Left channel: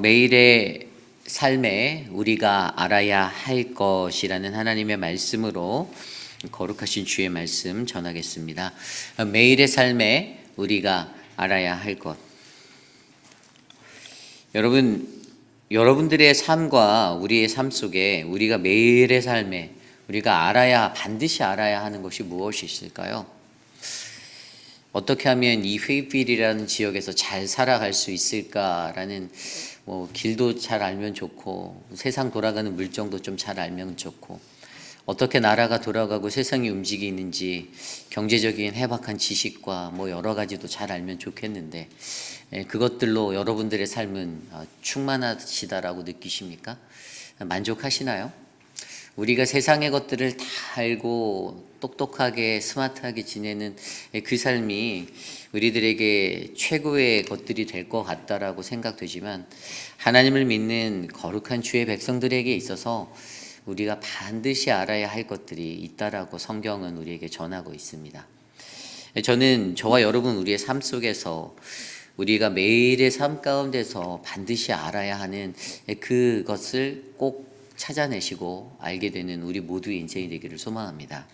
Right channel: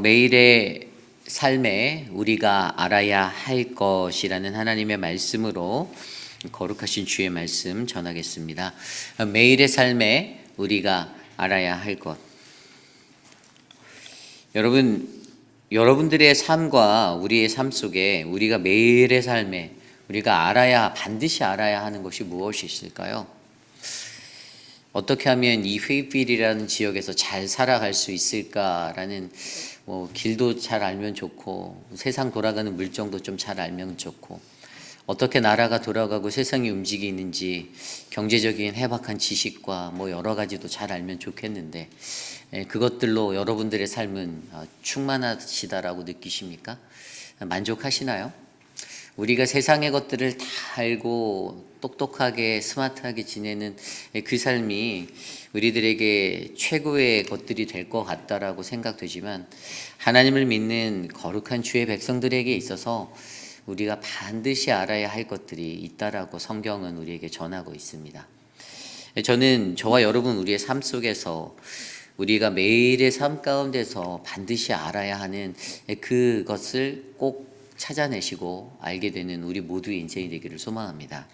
매일의 삶에 우리가 알아야 할 것이라는 하나님의 말씀으로 거룩하신 주의 말씀 전하겠습니다. 매일의 삶에 우리가 알아야 할 것. 여러분들의 삶과 우리의 삶 속에 우리가 매일의 삶에 우리가 반드시 알아야 하는 것이 무엇이 있을까요? 어떻게 하면 이 회의필이라는 지역에서 잘 살아갈 수 있을까라는 길도 잘 알면 좋고, 세상 돌아가는 물정도 좀 잘 알면 좋고, 어떻게 나라가 돌아가고 세상이 움직이는지 경제적인 해박한 지식과 여러 가지도 잘 알면 좋겠는데, 그것들로 여러분들의 삶은 충만하시다라고 느끼십니까? 만족하시나요? 우리가 세상의 것들을 다 알고 똑똑하게 스마트하게 지내는 그 삶이 우리들에게 최고의 것들이 될 것 같다라고 생각되지만, 하나님을 믿는 거룩한 주의 백성들에게 있어서 우리가 반드시 알아야 할 것들이 있다라고 성경은 우리에게 전하고 있습니다. 저는 저와 여러분 우리의 삶 속에서 우리가 매일의 삶 가운데서 반드시 알아야 하는 그것을 꼭 찾아내시고 알게 되는 우리 모두의 인생이 되기를 소망합니다.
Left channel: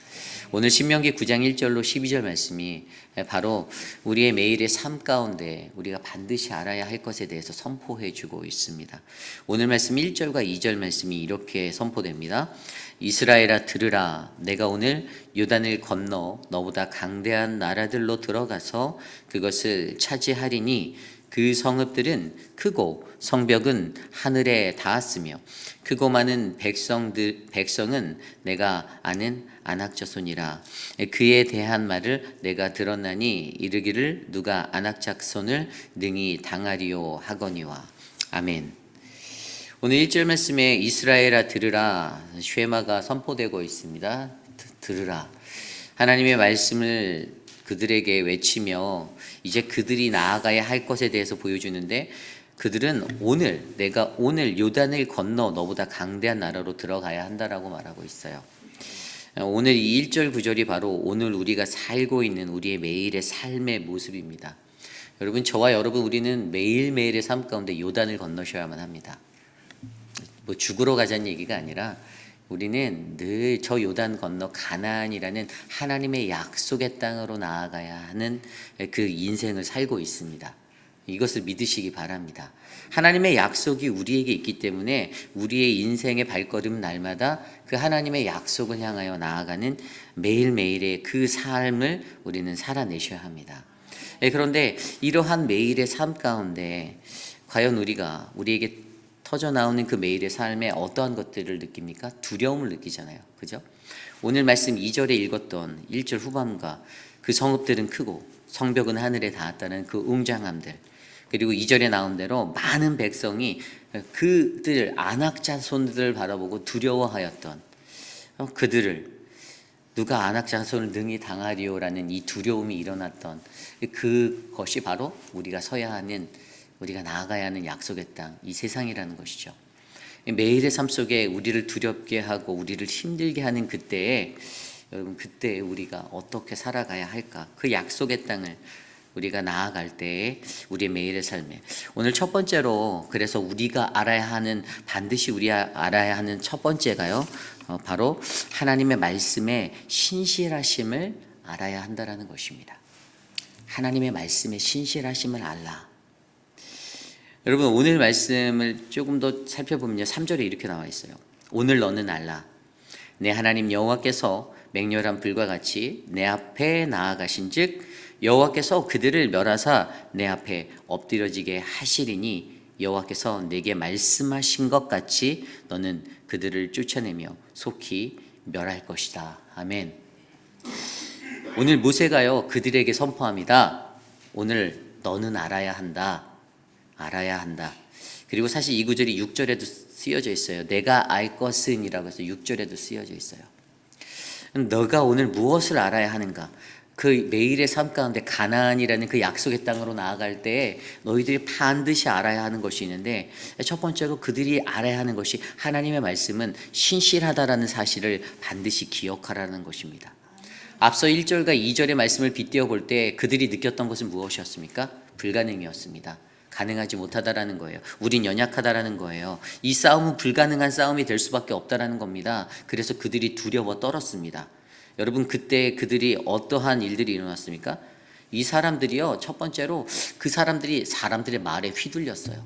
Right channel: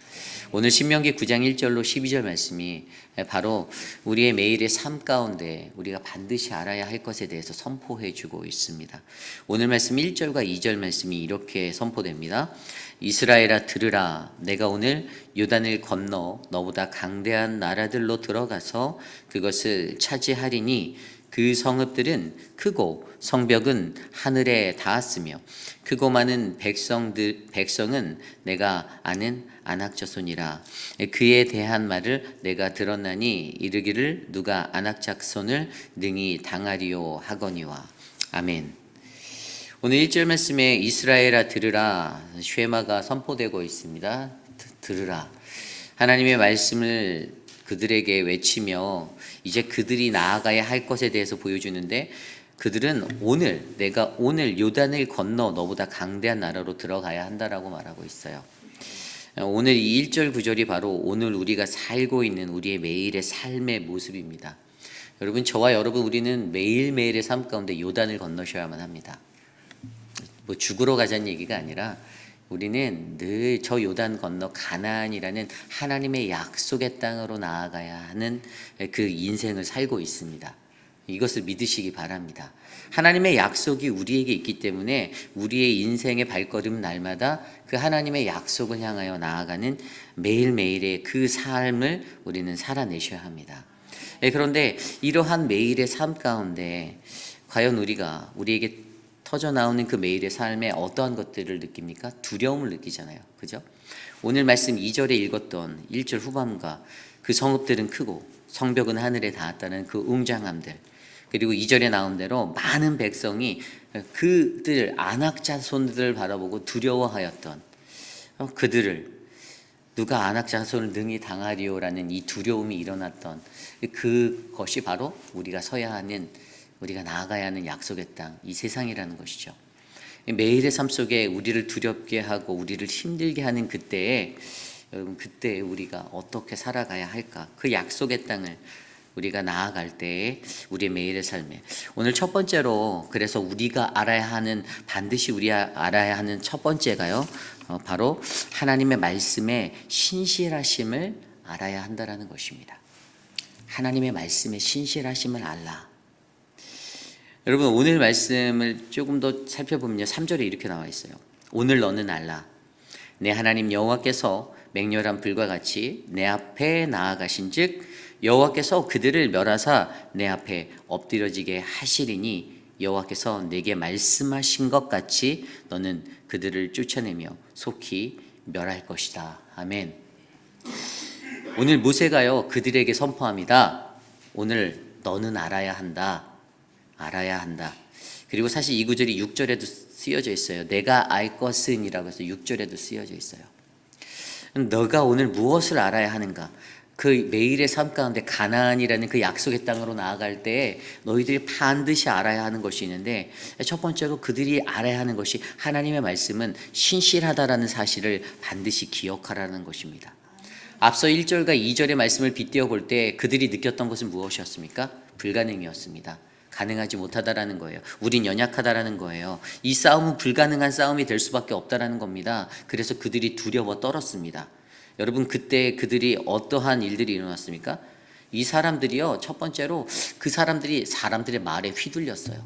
오늘 신명기 9장 1절로 12절 말씀이 바로 우리의 매일의 삶 가운데 우리가 반드시 알아야 할 것에 대해서 선포해 주고 있습니다. 오늘 말씀 1절과 2절 말씀이 이렇게 선포됩니다. 이스라엘아 들으라, 내가 오늘 요단을 건너 너보다 강대한 나라들로 들어가서 그것을 차지하리니 그 성읍들은 크고 성벽은 하늘에 닿았으며 크고 많은 백성은 내가 아는 아낙 자손이라. 그에 대한 말을 내가 들었나니 이르기를 누가 아낙 자손을 능히 당하리요 하거니와. 아멘. 오늘 1절 말씀에 이스라엘아 들으라 쉐마가 선포되고 있습니다. 들으라. 하나님의 말씀을 그들에게 외치며 이제 그들이 나아가야 할 것에 대해서 보여주는데, 그들은 내가 오늘 요단을 건너 너보다 강대한 나라로 들어가야 한다라고 말하고 있어요. 오늘 이 1절 9절이 바로 오늘 우리가 살고 있는 우리의 매일의 삶의 모습입니다. 여러분, 저와 여러분 우리는 매일매일의 삶 가운데 요단을 건너셔야만 합니다. 죽으러 가자는 얘기가 아니라 우리는 늘 저 요단 건너 가나안이라는 하나님의 약속의 땅으로 나아가야 하는 그 인생을 살고 있습니다. 이것을 믿으시기 바랍니다. 하나님의 약속이 우리에게 있기 때문에 우리의 인생의 발걸음 날마다 그 하나님의 약속을 향하여 나아가는 매일매일의 그 삶을 우리는 살아내셔야 합니다. 그런데 이러한 매일의 삶 가운데 과연 우리에게 터져 나오는 그 매일의 삶에 어떠한 것들을 느낍니까? 두려움을 느끼잖아요. 그죠? 오늘 말씀 2절에 읽었던 1절 후반과 그 성읍들은 크고 성벽은 하늘에 닿았다는 그 웅장함들, 그리고 2절에 나온 대로 많은 백성이 그들 아낙 자손들을 바라보고 두려워하였던 그들을 누가 아낙 자손을 능히 당하리요라는 이 두려움이 일어났던 그것이 바로 우리가 나아가야 하는 약속의 땅, 이 세상이라는 것이죠. 매일의 삶 속에 우리를 두렵게 하고 우리를 힘들게 하는 그때에 우리가 어떻게 살아가야 할까? 그 약속의 땅을 우리가 나아갈 때에 우리의 매일의 삶에, 오늘 첫 번째로 그래서 반드시 우리가 알아야 하는 첫 번째가요, 바로 하나님의 말씀에 신실하심을 알아야 한다라는 것입니다. 하나님의 말씀에 신실하심을 알라. 여러분, 오늘 말씀을 조금 더 살펴보면요, 3절에 이렇게 나와 있어요. 오늘 너는 알라. 내 하나님 여호와께서 맹렬한 불과 같이 내 앞에 나아가신즉 여호와께서 그들을 멸하사 내 앞에 엎드려지게 하시리니 여호와께서 내게 말씀하신 것 같이 너는 그들을 쫓아내며 속히 멸할 것이다. 아멘. 오늘 모세가요 그들에게 선포합니다. 오늘 너는 알아야 한다. 그리고 사실 이 구절이 6절에도 쓰여져 있어요. 내가 알 것은 이라고 해서 6절에도 쓰여져 있어요. 너가 오늘 무엇을 알아야 하는가? 그 매일의 삶 가운데 가나안이라는 그 약속의 땅으로 나아갈 때 너희들이 반드시 알아야 하는 것이 있는데, 첫 번째로 그들이 알아야 하는 것이 하나님의 말씀은 신실하다라는 사실을 반드시 기억하라는 것입니다. 앞서 1절과 2절의 말씀을 빗대어 볼 때 그들이 느꼈던 것은 무엇이었습니까? 불가능이었습니다. 가능하지 못하다라는 거예요. 우린 연약하다라는 거예요. 이 싸움은 불가능한 싸움이 될 수밖에 없다라는 겁니다. 그래서 그들이 두려워 떨었습니다. 여러분, 그때 그들이 어떠한 일들이 일어났습니까? 이 사람들이요, 첫 번째로 그 사람들이 사람들의 말에 휘둘렸어요.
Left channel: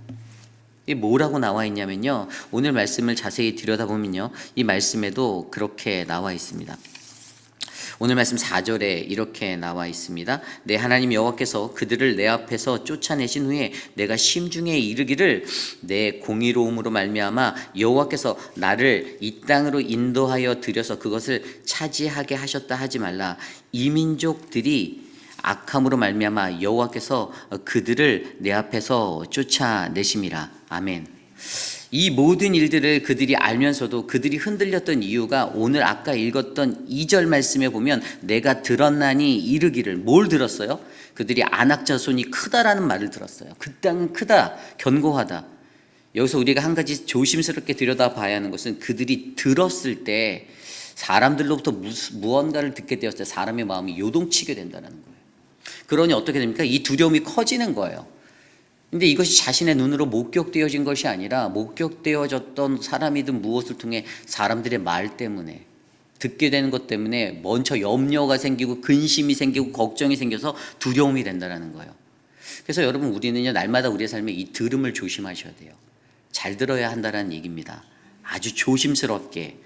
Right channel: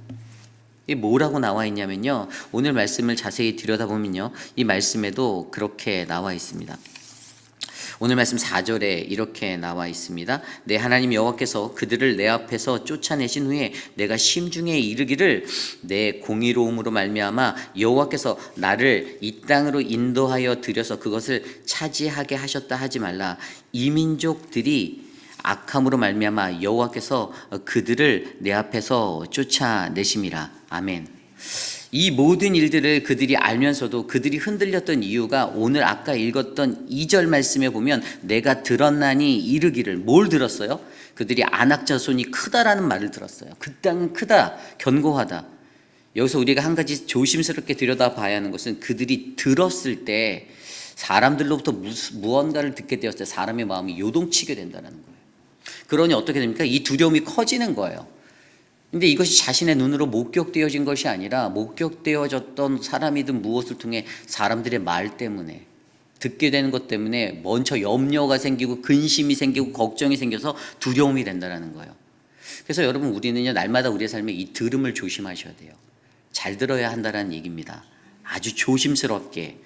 이게 뭐라고 나와 있냐면요, 오늘 말씀을 자세히 들여다보면요, 이 말씀에도 그렇게 나와 있습니다. 오늘 말씀 4절에 이렇게 나와 있습니다. 내 하나님 여호와께서 그들을 내 앞에서 쫓아내신 후에 내가 심중에 이르기를 내 공의로움으로 말미암아 여호와께서 나를 이 땅으로 인도하여 들여서 그것을 차지하게 하셨다 하지 말라. 이 민족들이 악함으로 말미암아 여호와께서 그들을 내 앞에서 쫓아내심이라. 아멘. 이 모든 일들을 그들이 알면서도 그들이 흔들렸던 이유가 오늘 아까 읽었던 2절 말씀에 보면 내가 들었나니 이르기를, 뭘 들었어요? 그들이 아낙 자손이 크다라는 말을 들었어요. 그 땅은 크다, 견고하다. 여기서 우리가 한 가지 조심스럽게 들여다봐야 하는 것은 그들이 들었을 때 사람들로부터 무언가를 듣게 되었을 때 사람의 마음이 요동치게 된다는 거예요. 그러니 어떻게 됩니까? 이 두려움이 커지는 거예요. 근데 이것이 자신의 눈으로 목격되어진 것이 아니라 목격되어졌던 사람이든 무엇을 통해 사람들의 말 때문에, 듣게 되는 것 때문에 먼저 염려가 생기고 근심이 생기고 걱정이 생겨서 두려움이 된다는 거예요. 그래서 여러분, 우리는요, 날마다 우리의 삶에 이 들음을 조심하셔야 돼요. 잘 들어야 한다는 얘기입니다. 아주 조심스럽게,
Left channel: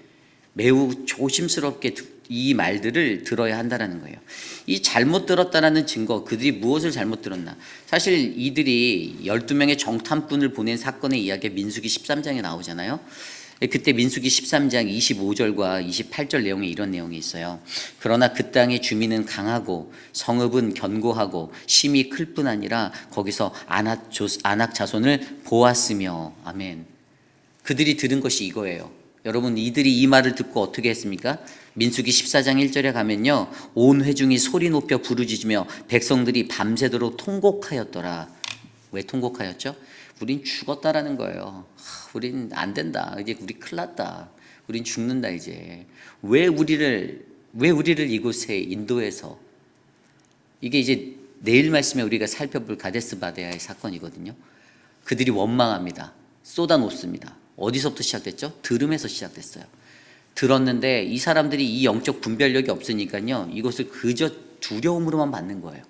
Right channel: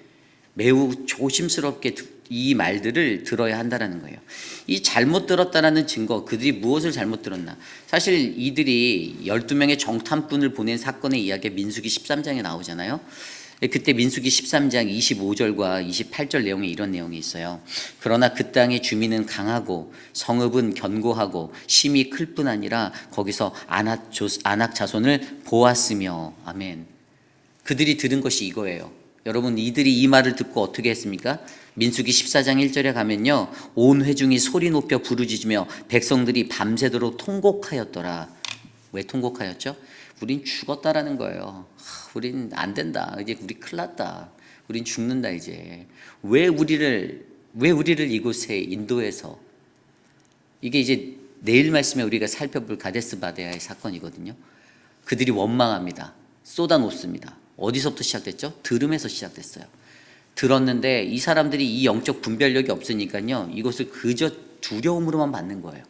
매우 조심스럽게 이 말들을 들어야 한다는 거예요. 이 잘못 들었다라는 증거, 그들이 무엇을 잘못 들었나? 사실 이들이 12명의 정탐꾼을 보낸 사건의 이야기가 민수기 13장에 나오잖아요. 그때 민수기 13장 25절과 28절 내용에 이런 내용이 있어요. 그러나 그 땅의 주민은 강하고 성읍은 견고하고 심이 클 뿐 아니라 거기서 아낙 자손을 보았으며. 아멘. 그들이 들은 것이 이거예요. 여러분, 이들이 이 말을 듣고 어떻게 했습니까? 민수기 14장 1절에 가면요, 온 회중이 소리 높여 부르짖으며 백성들이 밤새도록 통곡하였더라. 왜 통곡하였죠? 우린 죽었다라는 거예요. 우린 안 된다. 이제 우리 큰일 났다. 우린 죽는다 이제. 왜 우리를 이곳에 인도해서, 이게 이제 내일 말씀에 우리가 살펴볼 가데스 바네아의 사건이거든요. 그들이 원망합니다. 쏟아놓습니다. 어디서부터 시작됐죠? 들음에서 시작됐어요. 들었는데 이 사람들이 이 영적 분별력이 없으니까요, 이것을 그저 두려움으로만 받는 거예요.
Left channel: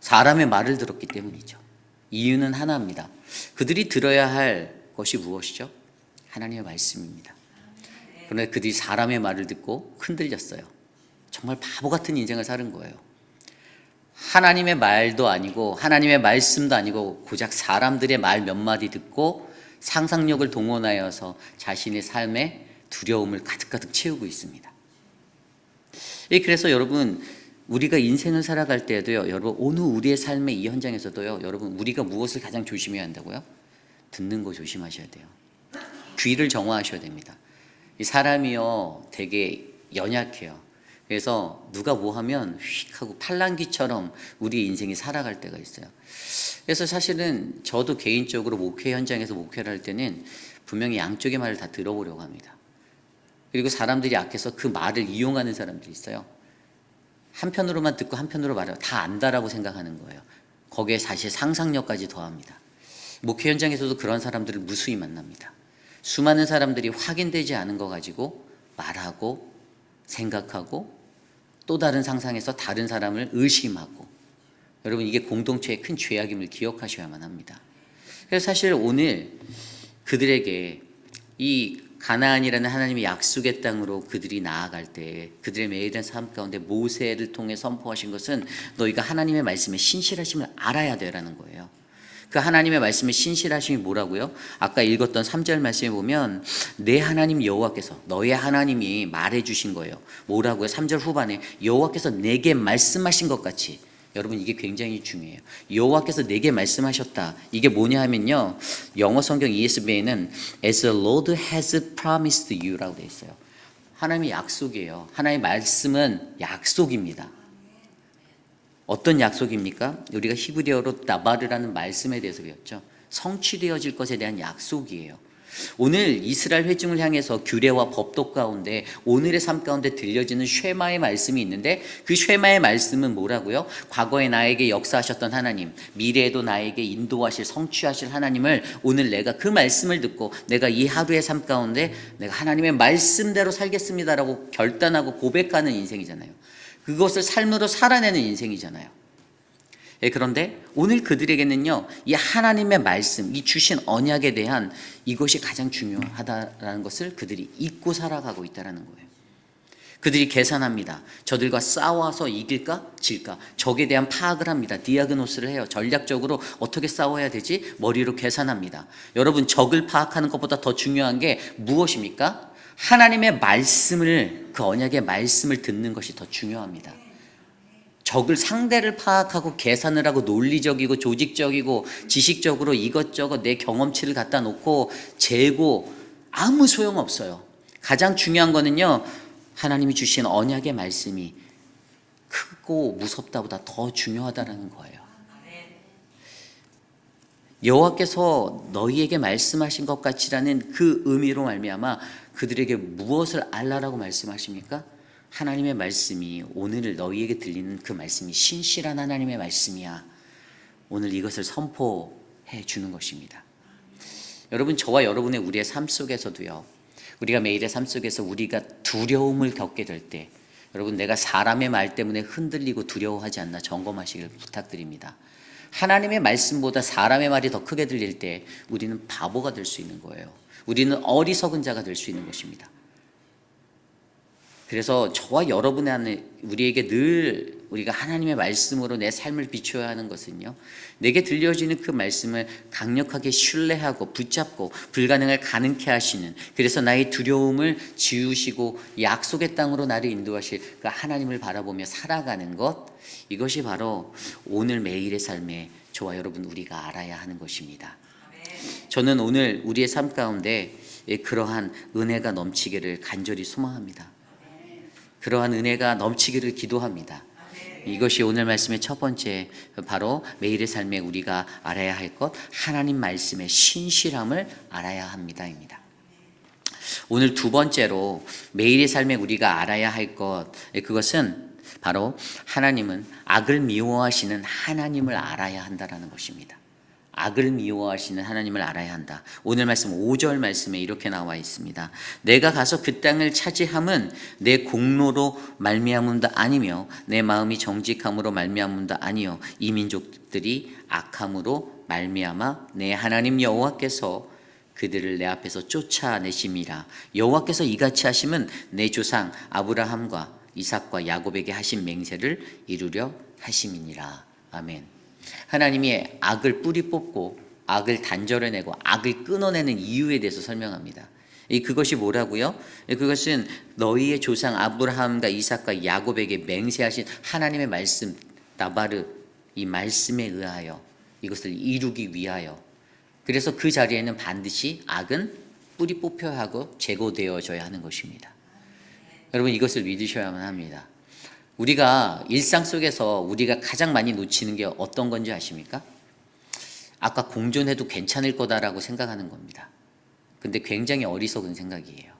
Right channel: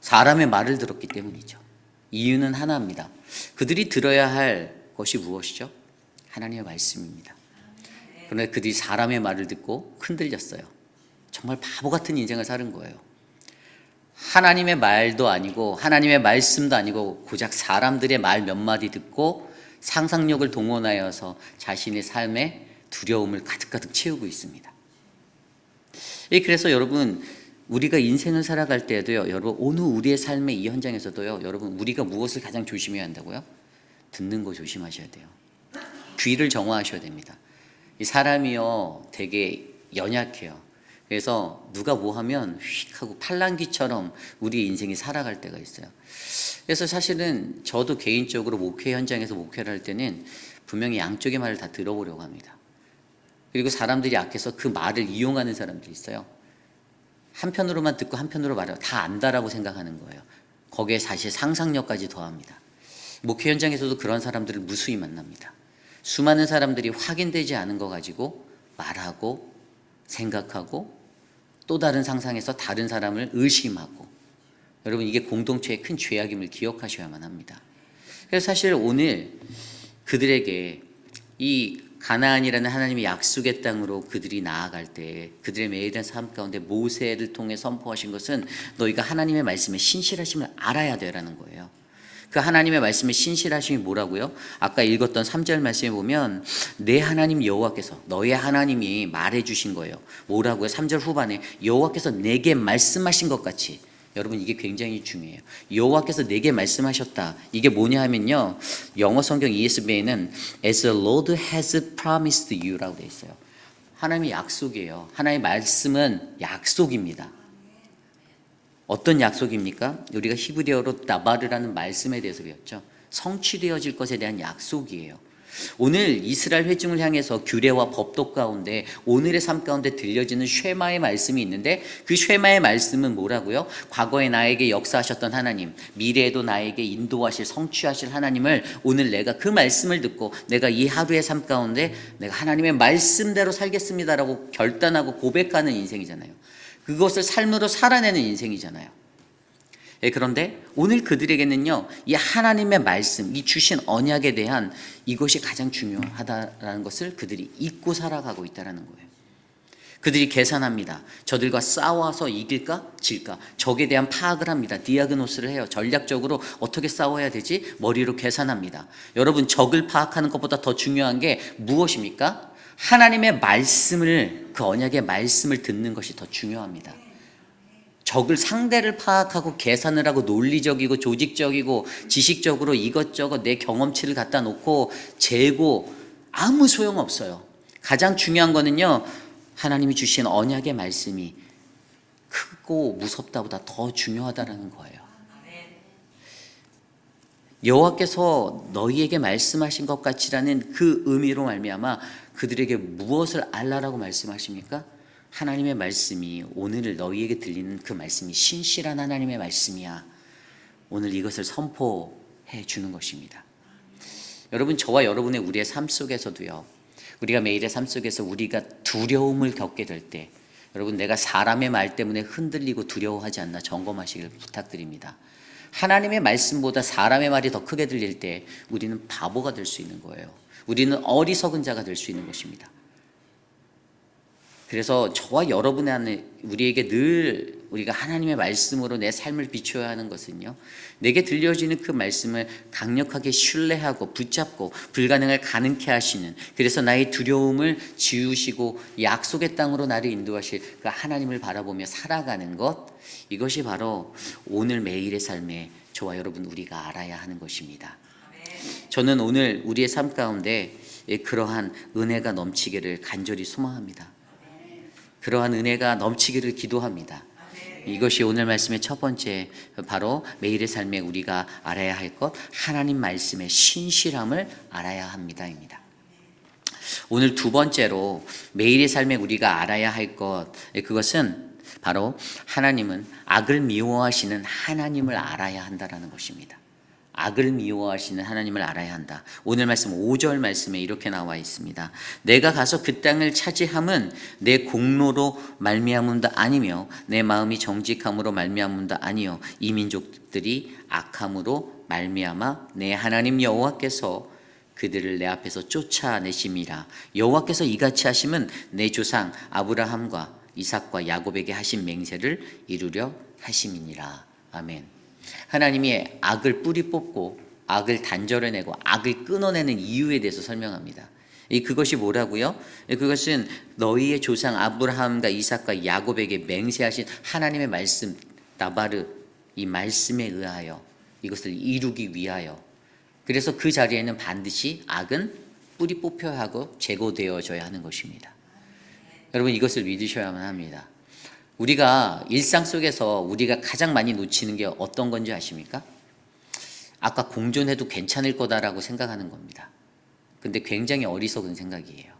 사람의 말을 들었기 때문이죠. 이유는 하나입니다. 그들이 들어야 할 것이 무엇이죠? 하나님의 말씀입니다. 그런데 그들이 사람의 말을 듣고 흔들렸어요. 정말 바보 같은 인생을 사는 거예요. 하나님의 말도 아니고 하나님의 말씀도 아니고 고작 사람들의 말 몇 마디 듣고 상상력을 동원하여서 자신의 삶에 두려움을 가득가득 채우고 있습니다. 그래서 여러분, 우리가 인생을 살아갈 때에도요, 여러분, 오늘 우리의 삶의 이 현장에서도요, 여러분, 우리가 무엇을 가장 조심해야 한다고요? 듣는 거 조심하셔야 돼요. 귀를 정화하셔야 됩니다. 이 사람이요, 되게 연약해요. 그래서 누가 뭐 하면 휙 하고 팔랑귀처럼 우리 인생이 살아갈 때가 있어요. 그래서 사실은 저도 개인적으로 목회 현장에서 목회를 할 때는 분명히 양쪽의 말을 다 들어보려고 합니다. 그리고 사람들이 약해서 그 말을 이용하는 사람들이 있어요. 한편으로만 듣고 한편으로 말해요. 다 안다라고 생각하는 거예요. 거기에 사실 상상력까지 더합니다. 목회 현장에서도 그런 사람들을 무수히 만납니다. 수많은 사람들이 확인되지 않은 거 가지고 말하고 생각하고 또 다른 상상에서 다른 사람을 의심하고, 여러분, 이게 공동체의 큰 죄악임을 기억하셔야만 합니다. 그래서 사실 오늘 그들에게 이 가나안이라는 하나님의 약속의 땅으로 그들이 나아갈 때 그들의 매일의 삶 가운데 모세를 통해 선포하신 것은 너희가 하나님의 말씀에 신실하심을 알아야 되라는 거예요. 그 하나님의 말씀에 신실하심이 뭐라고요? 아까 읽었던 3절 말씀에 보면 내 하나님 여호와께서, 너의 하나님이 말해주신 거예요. 뭐라고요? 3절 후반에 여호와께서 내게 말씀하신 것 같이. 여러분, 이게 굉장히 중요해요. 여호와께서 내게 말씀하셨다. 이게 뭐냐 하면요, 영어 성경 ESV에는 As the Lord has promised you라고 되어 있어요. 하나님의 약속이에요. 하나님의 말씀은 약속입니다. 어떤 약속입니까? 우리가 히브리어로 나바르라는 말씀에 대해서 배웠죠. 성취되어질 것에 대한 약속이에요. 오늘 이스라엘 회중을 향해서 규례와 법도 가운데 오늘의 삶 가운데 들려지는 쉐마의 말씀이 있는데 그 쉐마의 말씀은 뭐라고요? 과거에 나에게 역사하셨던 하나님, 미래에도 나에게 인도하실 성취하실 하나님을 오늘 내가 그 말씀을 듣고 내가 이 하루의 삶 가운데 내가 하나님의 말씀대로 살겠습니다라고 결단하고 고백하는 인생이잖아요. 그것을 삶으로 살아내는 인생이잖아요. 예, 그런데 오늘 그들에게는요, 이 하나님의 말씀, 이 주신 언약에 대한 이것이 가장 중요하다라는 것을 그들이 잊고 살아가고 있다는 거예요. 그들이 계산합니다. 저들과 싸워서 이길까? 질까? 적에 대한 파악을 합니다. 디아그노스를 해요. 전략적으로 어떻게 싸워야 되지? 머리로 계산합니다. 여러분, 적을 파악하는 것보다 더 중요한 게 무엇입니까? 하나님의 말씀을, 그 언약의 말씀을 듣는 것이 더 중요합니다. 적을 상대를 파악하고 계산을 하고 논리적이고 조직적이고 지식적으로 이것저것 내 경험치를 갖다 놓고 재고 아무 소용없어요. 가장 중요한 거는요, 하나님이 주신 언약의 말씀이 크고 무섭다보다 더 중요하다라는 거예요. 여호와께서 너희에게 말씀하신 것 같이라는 그 의미로 말미암아 그들에게 무엇을 알라라고 말씀하십니까? 하나님의 말씀이, 오늘 너희에게 들리는 그 말씀이 신실한 하나님의 말씀이야. 오늘 이것을 선포해 주는 것입니다. 여러분, 저와 여러분의 우리의 삶 속에서도요, 우리가 매일의 삶 속에서 우리가 두려움을 겪게 될 때, 여러분, 내가 사람의 말 때문에 흔들리고 두려워하지 않나 점검하시길 부탁드립니다. 하나님의 말씀보다 사람의 말이 더 크게 들릴 때 우리는 바보가 될 수 있는 거예요. 우리는 어리석은 자가 될 수 있는 것입니다. 그래서 저와 여러분 안에 우리에게 늘 우리가 하나님의 말씀으로 내 삶을 비춰야 하는 것은요, 내게 들려주는 그 말씀을 강력하게 신뢰하고 붙잡고 불가능을 가능케 하시는, 그래서 나의 두려움을 지우시고 약속의 땅으로 나를 인도하실 그 하나님을 바라보며 살아가는 것, 이것이 바로 오늘 매일의 삶에 저와 여러분 우리가 알아야 하는 것입니다. 저는 오늘 우리의 삶 가운데 그러한 은혜가 넘치기를 간절히 소망합니다. 그러한 은혜가 넘치기를 기도합니다. 이것이 오늘 말씀의 첫 번째, 바로 매일의 삶에 우리가 알아야 할 것, 하나님 말씀의 신실함을 알아야 합니다입니다. 오늘 두 번째로 매일의 삶에 우리가 알아야 할 것, 그것은 바로 하나님은 악을 미워하시는 하나님을 알아야 한다라는 것입니다. 악을 미워하시는 하나님을 알아야 한다. 오늘 말씀 5절 말씀에 이렇게 나와 있습니다. 내가 가서 그 땅을 차지함은 내 공로로 말미암음도 아니며 내 마음이 정직함으로 말미암음도 아니요 이 민족들이 악함으로 말미암아 내 하나님 여호와께서 그들을 내 앞에서 쫓아내심이라. 여호와께서 이같이 하심은 내 조상 아브라함과 이삭과 야곱에게 하신 맹세를 이루려 하심이니라. 아멘. 하나님이 악을 뿌리 뽑고 악을 단절해내고 악을 끊어내는 이유에 대해서 설명합니다. 그것이 뭐라고요? 그것은 너희의 조상 아브라함과 이삭과 야곱에게 맹세하신 하나님의 말씀, 나바르, 이 말씀에 의하여 이것을 이루기 위하여, 그래서 그 자리에는 반드시 악은 뿌리 뽑혀야 하고 제거되어져야 하는 것입니다. 여러분, 이것을 믿으셔야만 합니다. 우리가 일상 속에서 우리가 가장 많이 놓치는 게 어떤 건지 아십니까? 아까 공존해도 괜찮을 거다라고 생각하는 겁니다. 근데 굉장히 어리석은 생각이에요.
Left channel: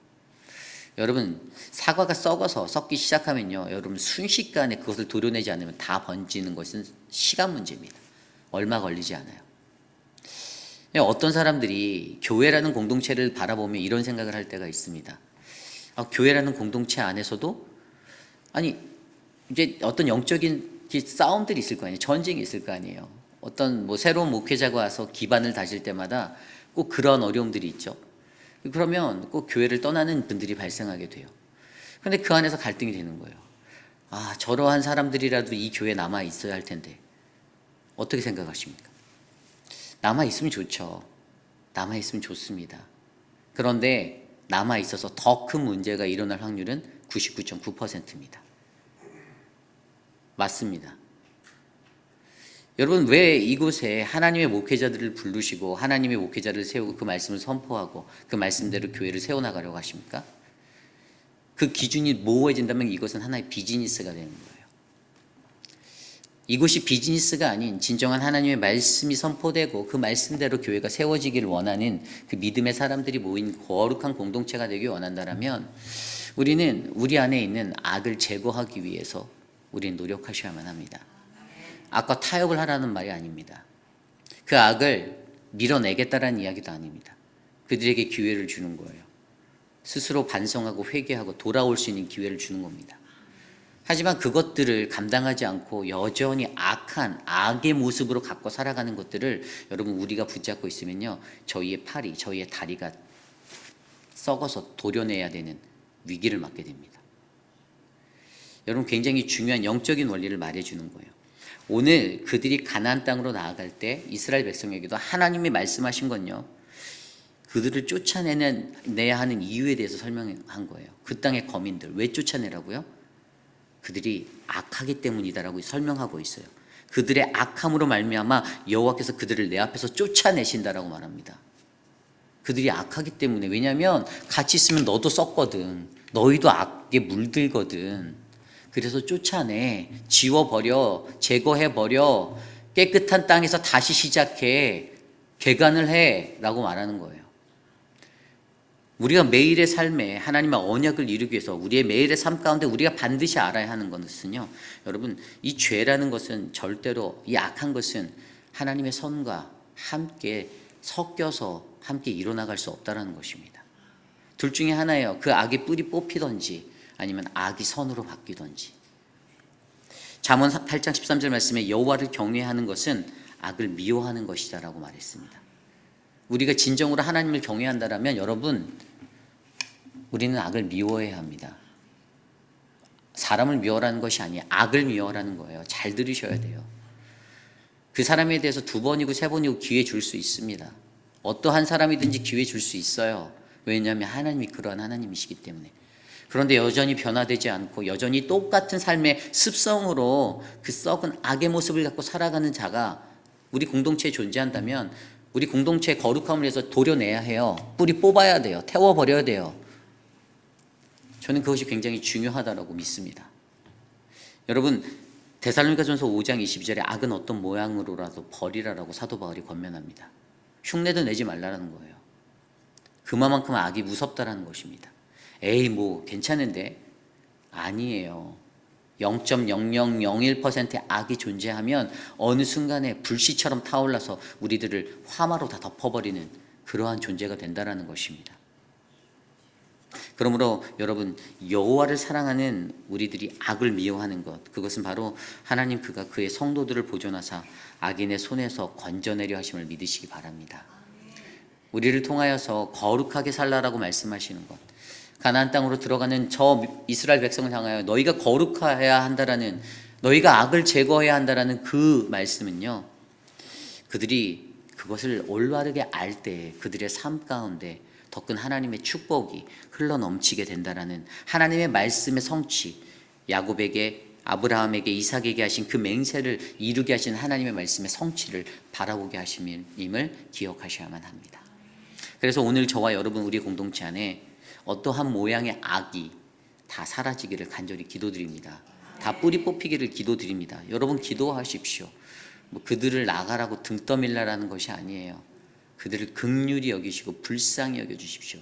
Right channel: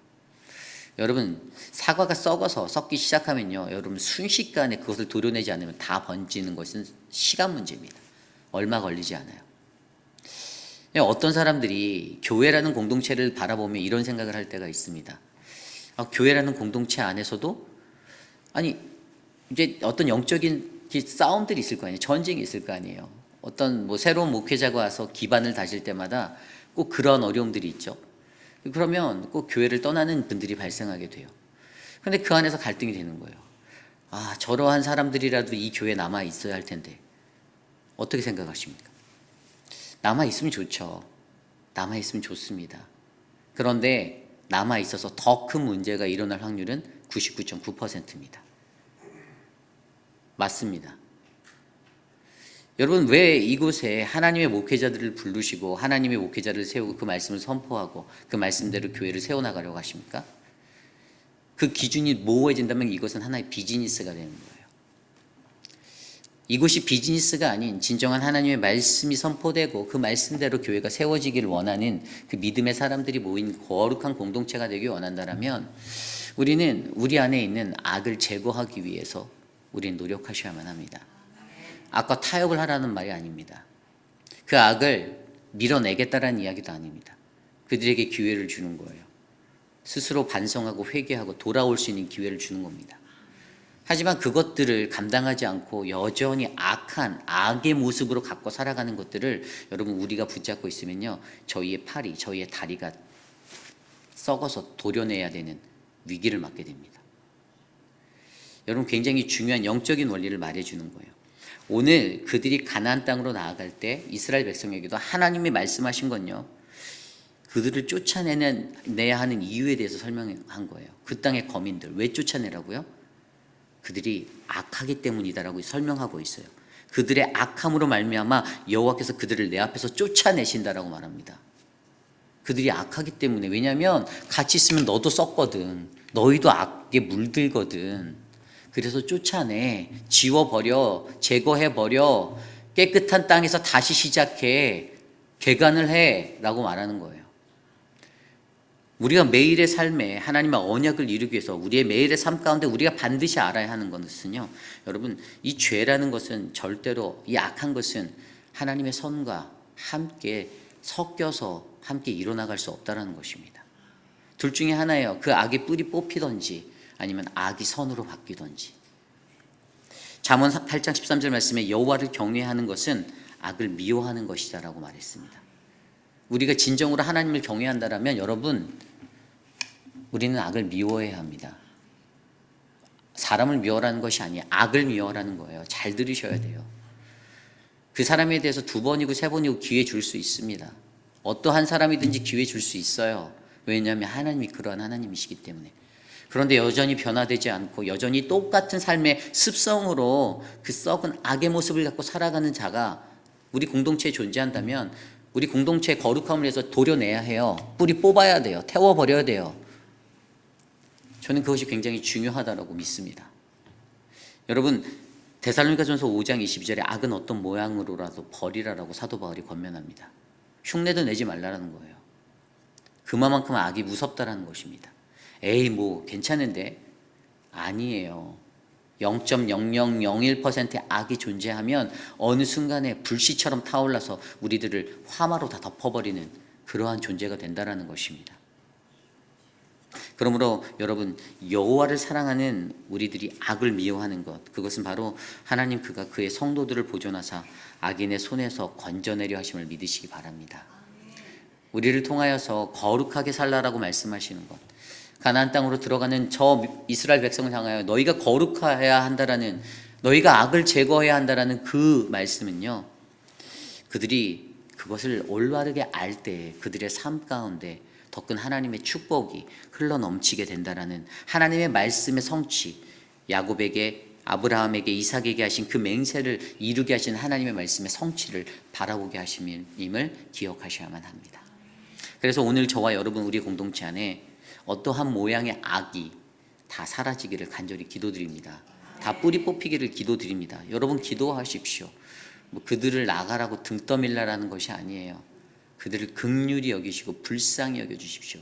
여러분, 사과가 썩어서 썩기 시작하면요, 여러분 순식간에 그것을 도려내지 않으면 다 번지는 것은 시간 문제입니다. 얼마 걸리지 않아요. 어떤 사람들이 교회라는 공동체를 바라보며 이런 생각을 할 때가 있습니다. 교회라는 공동체 안에서도 이제 어떤 영적인 싸움들이 있을 거 아니에요. 전쟁이 있을 거 아니에요. 어떤 새로운 목회자가 와서 기반을 다질 때마다 꼭 그런 어려움들이 있죠. 그러면 꼭 교회를 떠나는 분들이 발생하게 돼요. 그런데 그 안에서 갈등이 되는 거예요. 저러한 사람들이라도 이 교회에 남아 있어야 할 텐데 어떻게 생각하십니까? 남아 있으면 좋죠. 남아 있으면 좋습니다. 그런데 남아 있어서 더 큰 문제가 일어날 확률은 99.9%입니다. 맞습니다. 여러분, 왜 이곳에 하나님의 목회자들을 부르시고 하나님의 목회자를 세우고 그 말씀을 선포하고 그 말씀대로 교회를 세워나가려고 하십니까? 그 기준이 모호해진다면 이것은 하나의 비즈니스가 되는 거예요. 이곳이 비즈니스가 아닌 진정한 하나님의 말씀이 선포되고 그 말씀대로 교회가 세워지기를 원하는 그 믿음의 사람들이 모인 거룩한 공동체가 되길 원한다면 우리는 우리 안에 있는 악을 제거하기 위해서 우리는 노력하셔야만 합니다. 악과 타협을 하라는 말이 아닙니다. 그 악을 밀어내겠다라는 이야기도 아닙니다. 그들에게 기회를 주는 거예요. 스스로 반성하고 회개하고 돌아올 수 있는 기회를 주는 겁니다. 하지만 그것들을 감당하지 않고 여전히 악한 악의 모습으로 갖고 살아가는 것들을 여러분 우리가 붙잡고 있으면요, 저희의 팔이, 저희의 다리가 썩어서 도려내야 되는 위기를 맞게 됩니다. 여러분 굉장히 중요한 영적인 원리를 말해주는 거예요. 오늘 그들이 가나안 땅으로 나아갈 때 이스라엘 백성에게도 하나님이 말씀하신 건요, 그들을 쫓아내야 하는 이유에 대해서 설명한 거예요. 그 땅의 거민들 왜 쫓아내라고요? 그들이 악하기 때문이다라고 설명하고 있어요. 그들의 악함으로 말미암아 여호와께서 그들을 내 앞에서 쫓아내신다라고 말합니다. 그들이 악하기 때문에. 왜냐하면 같이 있으면 너도 썩거든. 너희도 악에 물들거든. 그래서 쫓아내, 지워버려, 제거해버려, 깨끗한 땅에서 다시 시작해, 개간을 해 라고 말하는 거예요. 우리가 매일의 삶에 하나님의 언약을 이루기 위해서 우리의 매일의 삶 가운데 우리가 반드시 알아야 하는 것은요, 여러분, 이 죄라는 것은 절대로, 이 악한 것은 하나님의 선과 함께 섞여서 함께 일어나갈 수 없다는 것입니다. 둘 중에 하나예요. 그 악의 뿌리 뽑히든지 아니면 악이 선으로 바뀌든지. 잠언 8장 13절 말씀에 여호와를 경외하는 것은 악을 미워하는 것이다라고 말했습니다. 우리가 진정으로 하나님을 경외한다면 여러분, 우리는 악을 미워해야 합니다. 사람을 미워하라는 것이 아니에요. 악을 미워하라는 거예요. 잘 들으셔야 돼요. 그 사람에 대해서 2번이고 3번이고 기회 줄 수 있습니다. 어떠한 사람이든지 기회 줄 수 있어요. 왜냐하면 하나님이 그러한 하나님이시기 때문에. 그런데 여전히 변화되지 않고 여전히 똑같은 삶의 습성으로 그 썩은 악의 모습을 갖고 살아가는 자가 우리 공동체에 존재한다면 우리 공동체의 거룩함을 위해서 도려내야 해요. 뿌리 뽑아야 돼요. 태워버려야 돼요. 저는 그것이 굉장히 중요하다고 믿습니다. 여러분, 데살로니가전서 5장 22절에 악은 어떤 모양으로라도 버리라라고 사도 바울이 권면합니다. 흉내도 내지 말라는 거예요. 그만큼 악이 무섭다라는 것입니다. 에이 뭐 괜찮은데? 아니에요. 0.0001%의 악이 존재하면 어느 순간에 불씨처럼 타올라서 우리들을 화마로 다 덮어버리는 그러한 존재가 된다는 것입니다. 그러므로 여러분, 여호와를 사랑하는 우리들이 악을 미워하는 것, 그것은 바로 하나님 그가 그의 성도들을 보존하사 악인의 손에서 건져내려 하심을 믿으시기 바랍니다. 우리를 통하여서 거룩하게 살라라고 말씀하시는 것, 가나안 땅으로 들어가는 저 이스라엘 백성을 향하여 너희가 거룩해야 한다라는, 너희가 악을 제거해야 한다라는 그 말씀은요, 그들이 그것을 올바르게 알 때 그들의 삶 가운데 더 큰 하나님의 축복이 흘러넘치게 된다라는 하나님의 말씀의 성취, 야곱에게, 아브라함에게, 이삭에게 하신 그 맹세를 이루게 하신 하나님의 말씀의 성취를 바라보게 하심임을 기억하셔야만 합니다. 그래서 오늘 저와 여러분 우리 공동체 안에 어떠한 모양의 악이 다 사라지기를 간절히 기도드립니다. 다 뿌리 뽑히기를 기도드립니다. 여러분 기도하십시오. 뭐 그들을 나가라고 등 떠밀라라는 것이 아니에요. 그들을 긍휼히 여기시고 불쌍히 여겨주십시오.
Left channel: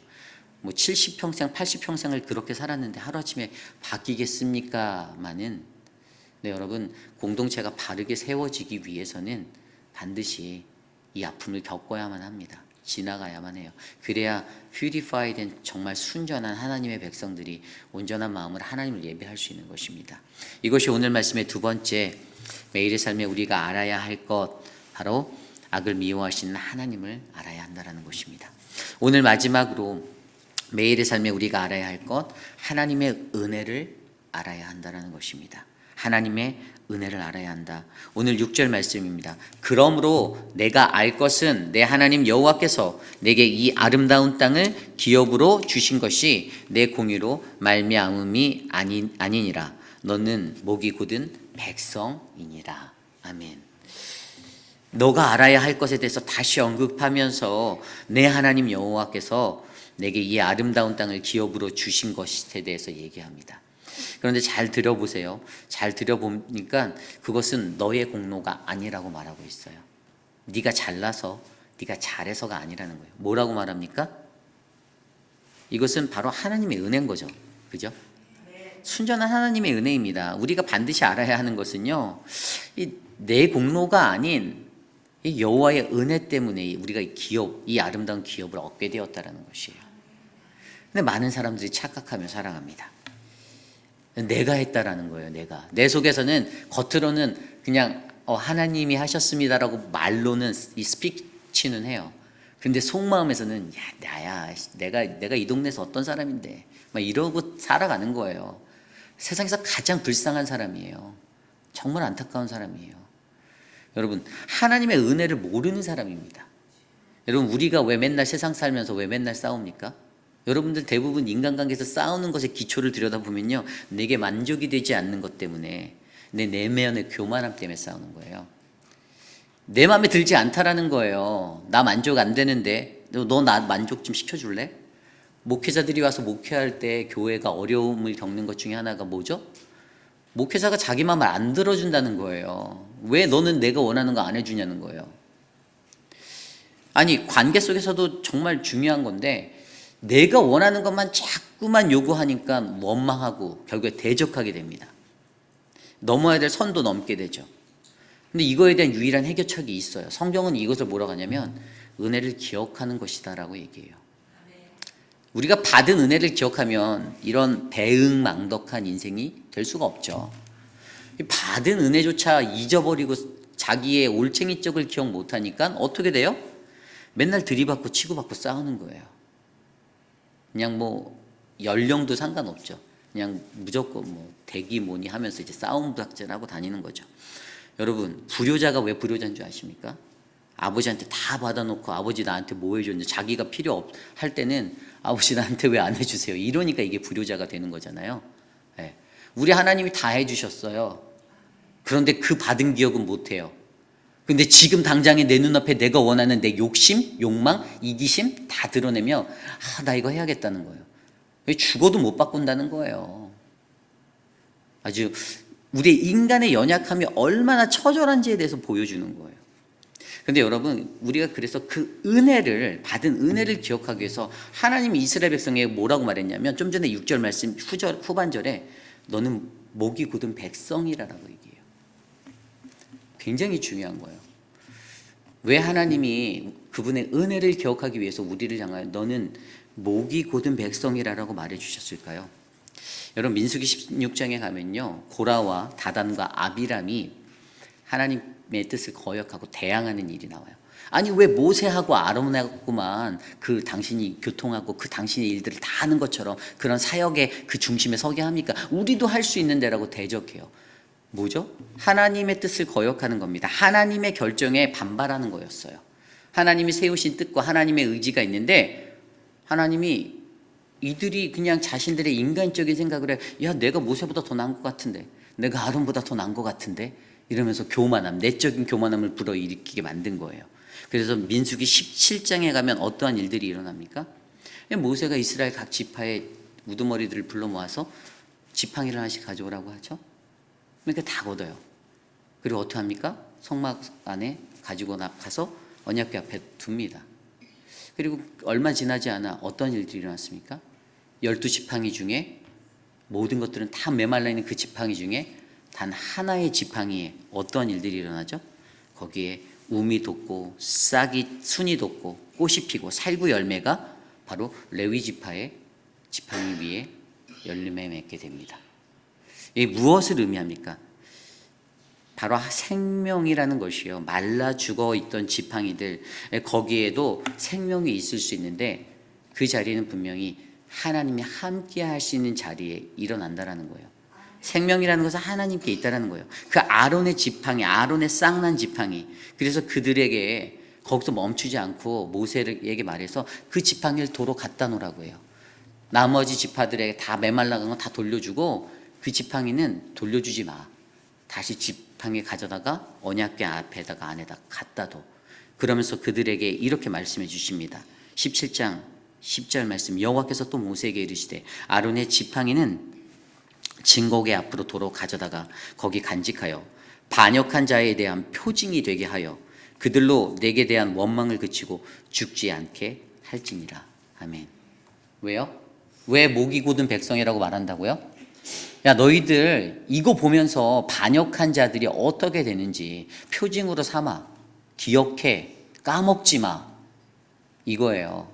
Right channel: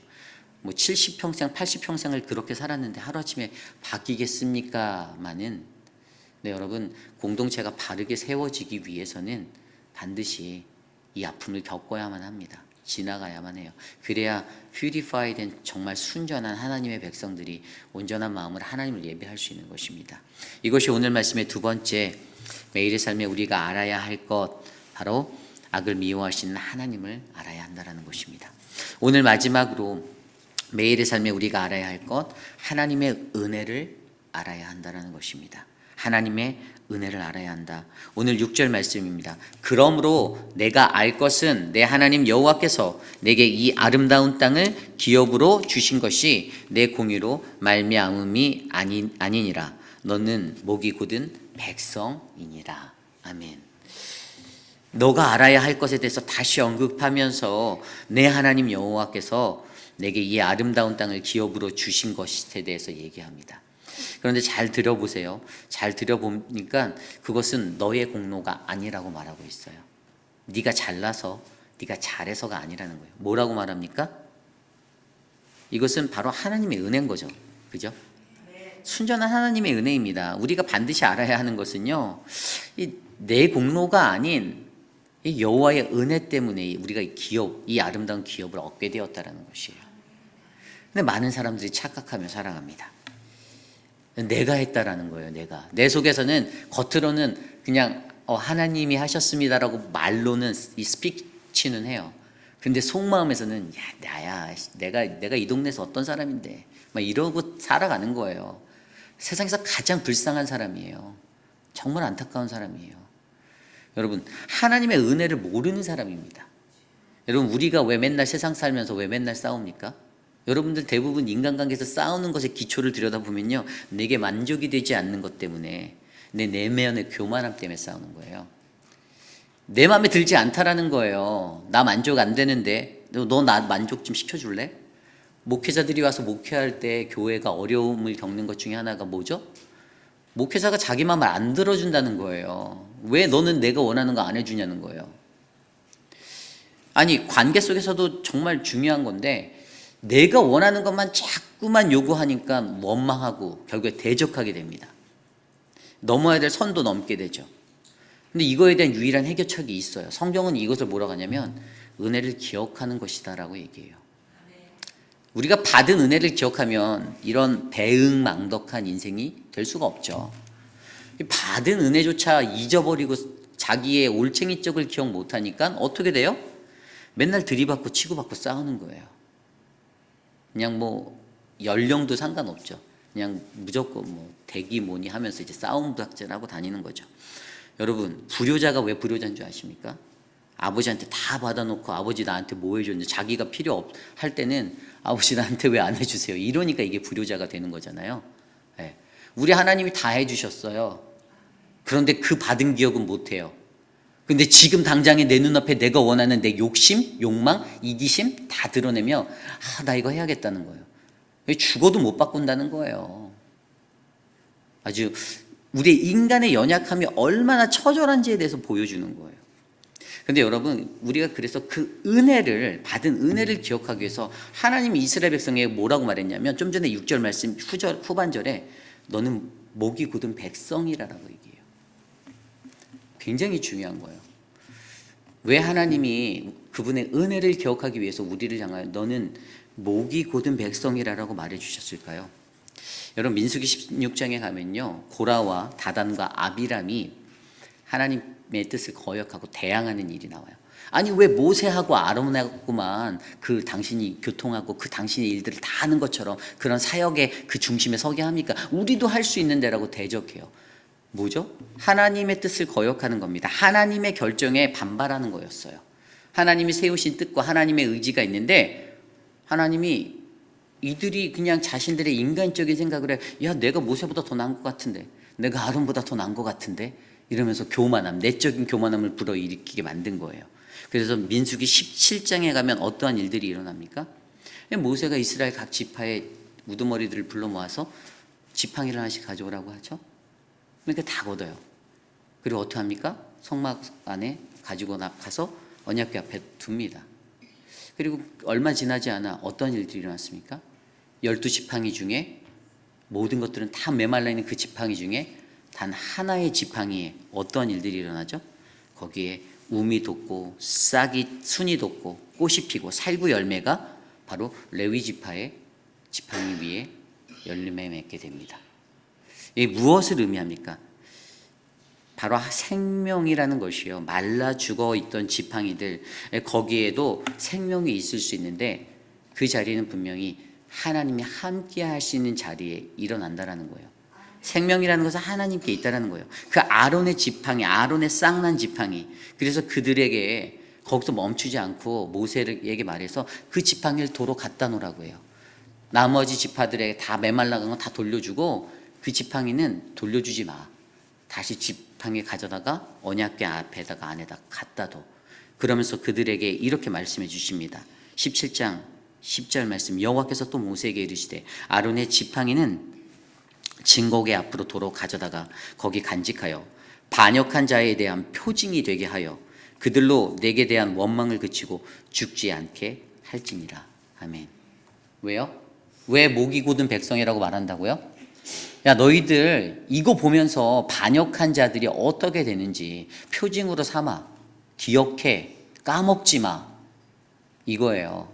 뭐 70평생, 80평생을 그렇게 살았는데 하루아침에 바뀌겠습니까마는, 네, 여러분, 공동체가 바르게 세워지기 위해서는 반드시 이 아픔을 겪어야만 합니다. 지나가야만 해요. 그래야 퓨리파이 된 정말 순전한 하나님의 백성들이 온전한 마음으로 하나님을 예배할 수 있는 것입니다. 이것이 오늘 말씀의 두 번째, 매일의 삶에 우리가 알아야 할 것, 바로 악을 미워하시는 하나님을 알아야 한다는 것입니다. 오늘 마지막으로 매일의 삶에 우리가 알아야 할 것, 하나님의 은혜를 알아야 한다는 것입니다. 하나님의 은혜를 알아야 한다. 오늘 6절 말씀입니다. 그러므로 내가 알 것은 내 하나님 여호와께서 내게 이 아름다운 땅을 기업으로 주신 것이 내 공의로 말미암음이 아니니라. 너는 목이 곧은 백성이니라. 아멘. 너가 알아야 할 것에 대해서 다시 언급하면서 내 하나님 여호와께서 내게 이 아름다운 땅을 기업으로 주신 것에 대해서 얘기합니다. 그런데 잘 들어보세요. 잘 들어보니까 그것은 너의 공로가 아니라고 말하고 있어요. 네가 잘나서, 네가 잘해서가 아니라는 거예요. 뭐라고 말합니까? 이것은 바로 하나님의 은혜인 거죠. 그죠? 순전한 하나님의 은혜입니다. 우리가 반드시 알아야 하는 것은요, 내 공로가 아닌 이 여호와의 은혜 때문에 우리가 이 아름다운 기업을 얻게 되었다라는 것이에요. 근데 많은 사람들이 착각하며 살아갑니다. 내가 했다라는 거예요. 내 속에서는 겉으로는 그냥 하나님이 하셨습니다라고 말로는 이 스피치는 해요. 근데 속마음에서는 나야 내가 이 동네에서 어떤 사람인데 막 이러고 살아가는 거예요. 세상에서 가장 불쌍한 사람이에요. 정말 안타까운 사람이에요. 여러분, 하나님의 은혜를 모르는 사람입니다. 여러분, 우리가 왜 맨날 세상 살면서 왜 맨날 싸웁니까? 여러분들 대부분 인간관계에서 싸우는 것의 기초를 들여다보면요, 내게 만족이 되지 않는 것 때문에, 내 내면의 교만함 때문에 싸우는 거예요. 내 마음에 들지 않다라는 거예요. 나 만족 안 되는데 너 나 만족 좀 시켜줄래? 목회자들이 와서 목회할 때 교회가 어려움을 겪는 것 중에 하나가 뭐죠? 목회자가 자기 마음을 안 들어준다는 거예요. 왜 너는 내가 원하는 거 안 해주냐는 거예요. 아니, 관계 속에서도 정말 중요한 건데 내가 원하는 것만 자꾸만 요구하니까 원망하고 결국에 대적하게 됩니다. 넘어야 될 선도 넘게 되죠. 근데 이거에 대한 유일한 해결책이 있어요. 성경은 이것을 뭐라고 하냐면 은혜를 기억하는 것이다라고 얘기해요. 우리가 받은 은혜를 기억하면 이런 배은망덕한 인생이 될 수가 없죠. 받은 은혜조차 잊어버리고 자기의 올챙이 쪽을 기억 못하니까 어떻게 돼요? 맨날 들이받고 치고받고 싸우는 거예요. 그냥 뭐 연령도 상관없죠. 그냥 무조건 뭐 대기 뭐니 하면서 이제 싸움박질하고 다니는 거죠. 여러분, 불효자가 왜 불효자인 줄 아십니까? 아버지한테 다 받아놓고 아버지 나한테 뭐 해줬는데 자기가 필요할 때는 아버지 나한테 왜 안 해주세요? 이러니까 이게 불효자가 되는 거잖아요. 네. 우리 하나님이 다 해주셨어요. 그런데 그 받은 기억은 못해요. 근데 지금 당장에 내 눈앞에 내가 원하는 내 욕심, 욕망, 이기심 다 드러내며 나 이거 해야겠다는 거예요. 왜 죽어도 못 바꾼다는 거예요. 아주 우리 인간의 연약함이 얼마나 처절한지에 대해서 보여주는 거예요. 근데 여러분, 우리가 그래서 그 은혜를 받은 은혜를 기억하기 위해서 하나님이 이스라엘 백성에게 뭐라고 말했냐면 좀 전에 6절 말씀 후반절에 너는 목이 곧은 백성이라고 얘기해요. 굉장히 중요한 거예요. 왜 하나님이 그분의 은혜를 기억하기 위해서 우리를 향하여 너는 목이 곧은 백성이라고 말해 주셨을까요? 여러분, 민수기 16장에 가면요, 고라와 다단과 아비람이 하나님의 뜻을 거역하고 대항하는 일이 나와요. 아니, 왜 모세하고 아론하고만 그 당신이 교통하고 그 당신의 일들을 다 하는 것처럼 그런 사역의 그 중심에 서게 합니까? 우리도 할 수 있는데라고 대적해요. 뭐죠? 하나님의 뜻을 거역하는 겁니다. 하나님의 결정에 반발하는 거였어요. 하나님이 세우신 뜻과 하나님의 의지가 있는데 하나님이 이들이 그냥 자신들의 인간적인 생각을 해. 야, 내가 모세보다 더 나은 것 같은데, 내가 아론보다 더 나은 것 같은데, 이러면서 교만함, 내적인 교만함을 불어일으키게 만든 거예요. 그래서 민수기 17장에 가면 어떠한 일들이 일어납니까? 모세가 이스라엘 각 지파의 우두머리들을 불러 모아서 지팡이를 하나씩 가져오라고 하죠. 그러니까 다 걷어요. 그리고 어떻게 합니까? 성막 안에 가지고 가서 언약궤 앞에 둡니다. 그리고 얼마 지나지 않아 어떤 일들이 일어났습니까? 12지팡이 중에 모든 것들은 다 메말라 있는 그 지팡이 중에 단 하나의 지팡이에 어떤 일들이 일어나죠? 거기에 우미 돋고 싹이 순이 돋고 꽃이 피고 살구 열매가 바로 레위 지파의 지팡이 위에 열매 맺게 됩니다. 이 무엇을 의미합니까? 바로 생명이라는 것이요. 말라 죽어 있던 지팡이들, 거기에도 생명이 있을 수 있는데 그 자리는 분명히 하나님이 함께 하시는 자리에 일어난다라는 거예요. 생명이라는 것은 하나님께 있다라는 거예요. 그 아론의 지팡이, 아론의 쌍난 지팡이. 그래서 그들에게 거기서 멈추지 않고 모세에게 말해서 그 지팡이를 도로 갖다 놓으라고 해요. 나머지 지파들에게 다 메말라간 거 다 돌려주고 그 지팡이는 돌려주지 마. 다시 지팡이 가져다가 언약궤 앞에다가 안에다 갖다 둬. 그러면서 그들에게 이렇게 말씀해 주십니다. 17장 10절 말씀, 여호와께서 또 모세에게 이르시되 아론의 지팡이는 진곡의 앞으로 도로 가져다가 거기 간직하여 반역한 자에 대한 표징이 되게 하여 그들로 내게 대한 원망을 그치고 죽지 않게 할지니라. 아멘. 왜요? 왜 목이 곧은 백성이라고 말한다고요? 야, 너희들 이거 보면서 반역한 자들이 어떻게 되는지 표징으로 삼아. 기억해. 까먹지 마. 이거예요.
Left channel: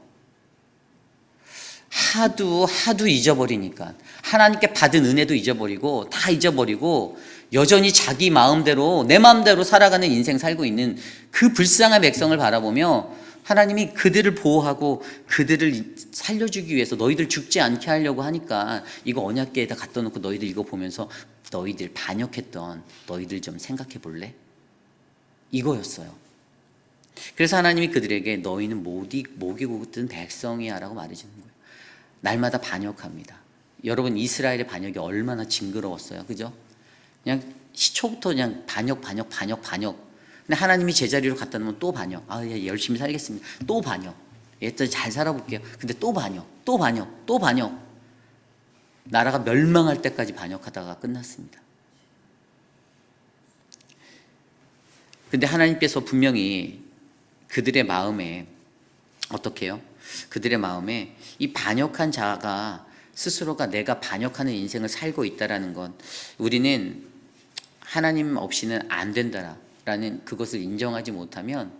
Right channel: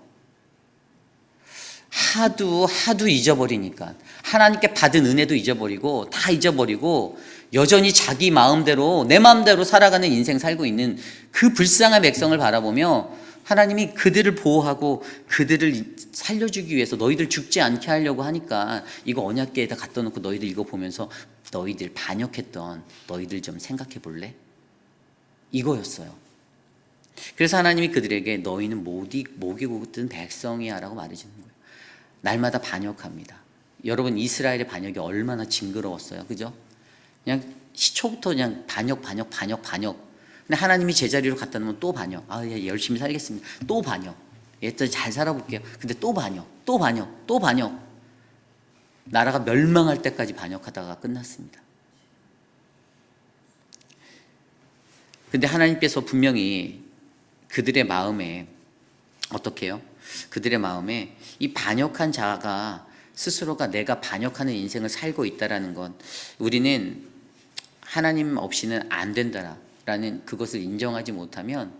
하도 잊어버리니까. 하나님께 받은 은혜도 잊어버리고 다 잊어버리고 여전히 자기 마음대로 내 마음대로 살아가는 인생 살고 있는 그 불쌍한 백성을 바라보며 하나님이 그들을 보호하고 그들을 살려주기 위해서 너희들 죽지 않게 하려고 하니까 이거 언약궤에다 갖다 놓고 너희들 이거 보면서 너희들 반역했던 너희들 좀 생각해 볼래? 이거였어요. 그래서 하나님이 그들에게 너희는 목이 곧은 백성이야 라고 말해주는 거예요. 날마다 반역합니다. 여러분 이스라엘의 반역이 얼마나 징그러웠어요. 그죠? 그냥 시초부터 그냥 반역. 근데 하나님이 제자리로 갖다 놓으면 또 반역. 예, 열심히 살겠습니다. 또 반역. 예, 또 잘 살아볼게요. 근데 또 반역. 나라가 멸망할 때까지 반역하다가 끝났습니다. 근데 하나님께서 분명히 그들의 마음에 어떻게 해요? 그들의 마음에 이 반역한 자가 스스로가 내가 반역하는 인생을 살고 있다라는 건 우리는 하나님 없이는 안 된다라는 그것을 인정하지 못하면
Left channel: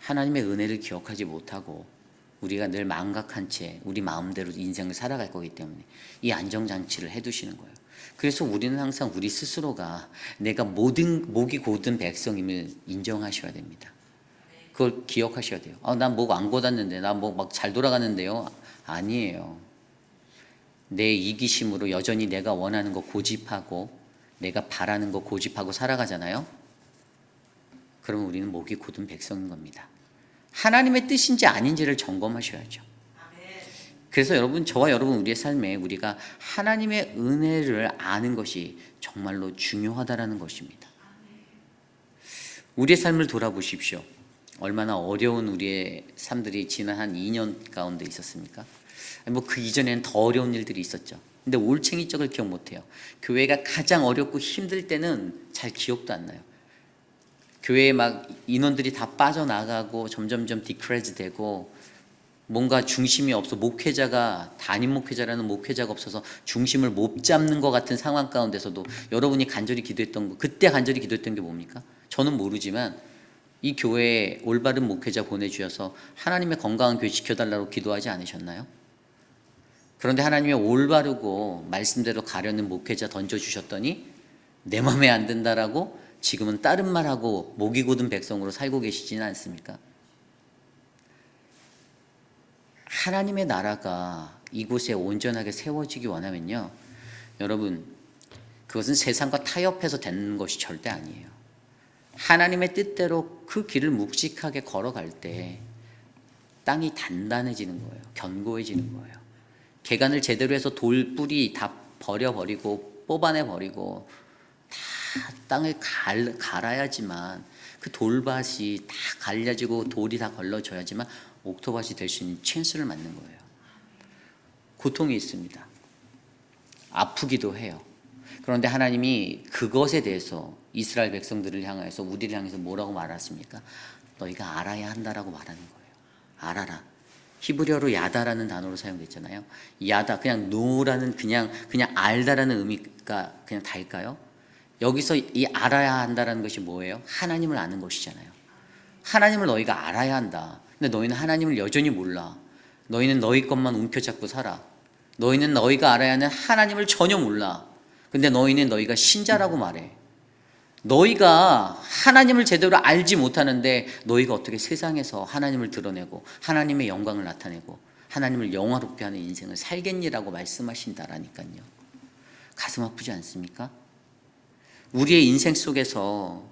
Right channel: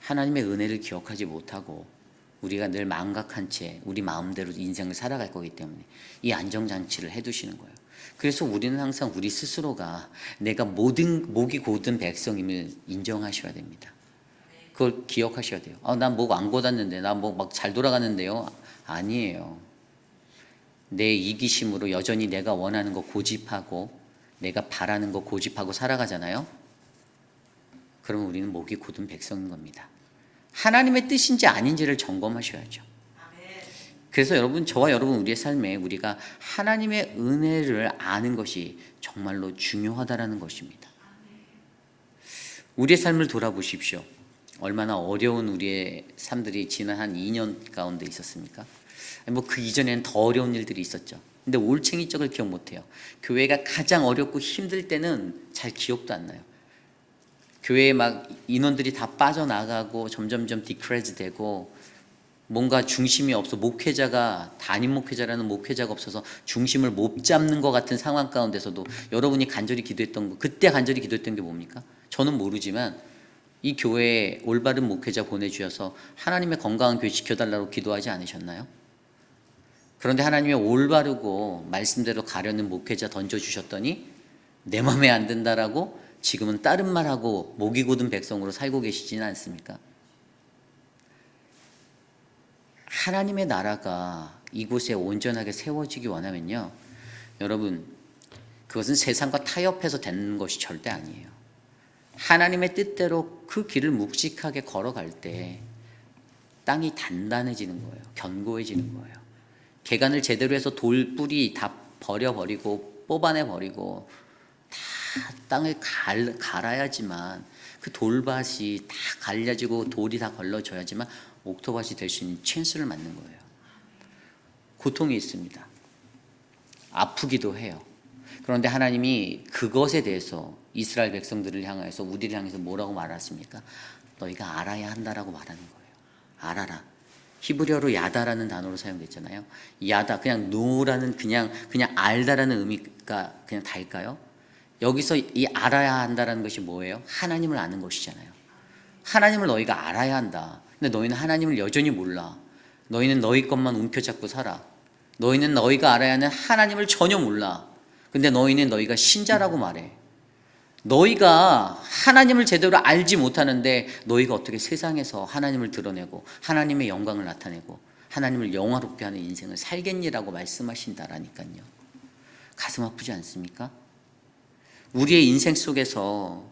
하나님의 은혜를 기억하지 못하고 우리가 늘 망각한 채 우리 마음대로 인생을 살아갈 거기 때문에 이 안정장치를 해두시는 거예요. 그래서 우리는 항상 우리 스스로가 내가 목이 곧은 백성임을 인정하셔야 됩니다. 그걸 기억하셔야 돼요. 난 목 안 곧았는데, 나 목 막 잘 돌아가는데요. 아니에요. 내 이기심으로 여전히 내가 원하는 거 고집하고 내가 바라는 거 고집하고 살아가잖아요. 그러면 우리는 목이 곧은 백성인 겁니다. 하나님의 뜻인지 아닌지를 점검하셔야죠. 그래서 여러분, 저와 여러분 우리의 삶에 우리가 하나님의 은혜를 아는 것이 정말로 중요하다라는 것입니다. 우리의 삶을 돌아보십시오. 얼마나 어려운 우리의 삶들이 지난 한 2년 가운데 있었습니까? 그 이전에는 더 어려운 일들이 있었죠. 근데 올챙이 쪽을 기억 못해요. 교회가 가장 어렵고 힘들 때는 잘 기억도 안 나요. 교회에 막 인원들이 다 빠져나가고 점점점 디크레이즈 되고 뭔가 중심이 없어 담임 목회자라는 목회자가 없어서 중심을 못 잡는 것 같은 상황 가운데서도 여러분이 간절히 기도했던 거, 그때 간절히 기도했던 게 뭡니까? 저는 모르지만 이 교회에 올바른 목회자 보내주셔서 하나님의 건강한 교회 지켜달라고 기도하지 않으셨나요? 그런데 하나님이 올바르고 말씀대로 가려는 목회자 던져주셨더니 내 맘에 안 든다라고 지금은 다른 말하고 목이 곧은 백성으로 살고 계시지는 않습니까? 하나님의 나라가 이곳에 온전하게 세워지기 원하면요, 여러분, 그것은 세상과 타협해서 되는 것이 절대 아니에요. 하나님의 뜻대로 그 길을 묵직하게 걸어갈 때 땅이 단단해지는 거예요. 견고해지는 거예요. 개간을 제대로 해서 돌뿌리 다 버려버리고 뽑아내버리고 다 땅을 갈아야지만 그 돌밭이 다 갈려지고 돌이 다 걸러져야지만 옥토밭이 될 수 있는 찬스를 맞는 거예요. 고통이 있습니다. 아프기도 해요. 그런데 하나님이 그것에 대해서 이스라엘 백성들을 향해서 우리를 향해서 뭐라고 말하십니까? 너희가 알아야 한다라고 말하는 거예요. 알아라. 히브리어로 야다라는 단어로 사용됐잖아요. 야다, 그냥 노라는 그냥 알다라는 의미가 그냥 달까요? 여기서 이 알아야 한다라는 것이 뭐예요? 하나님을 아는 것이잖아요. 하나님을 너희가 알아야 한다. 근데 너희는 하나님을 여전히 몰라. 너희는 너희 것만 움켜잡고 살아. 너희는 너희가 알아야 하는 하나님을 전혀 몰라. 근데 너희는 너희가 신자라고 말해. 너희가 하나님을 제대로 알지 못하는데 너희가 어떻게 세상에서 하나님을 드러내고 하나님의 영광을 나타내고 하나님을 영화롭게 하는 인생을 살겠니라고 말씀하신다라니까요. 가슴 아프지 않습니까? 우리의 인생 속에서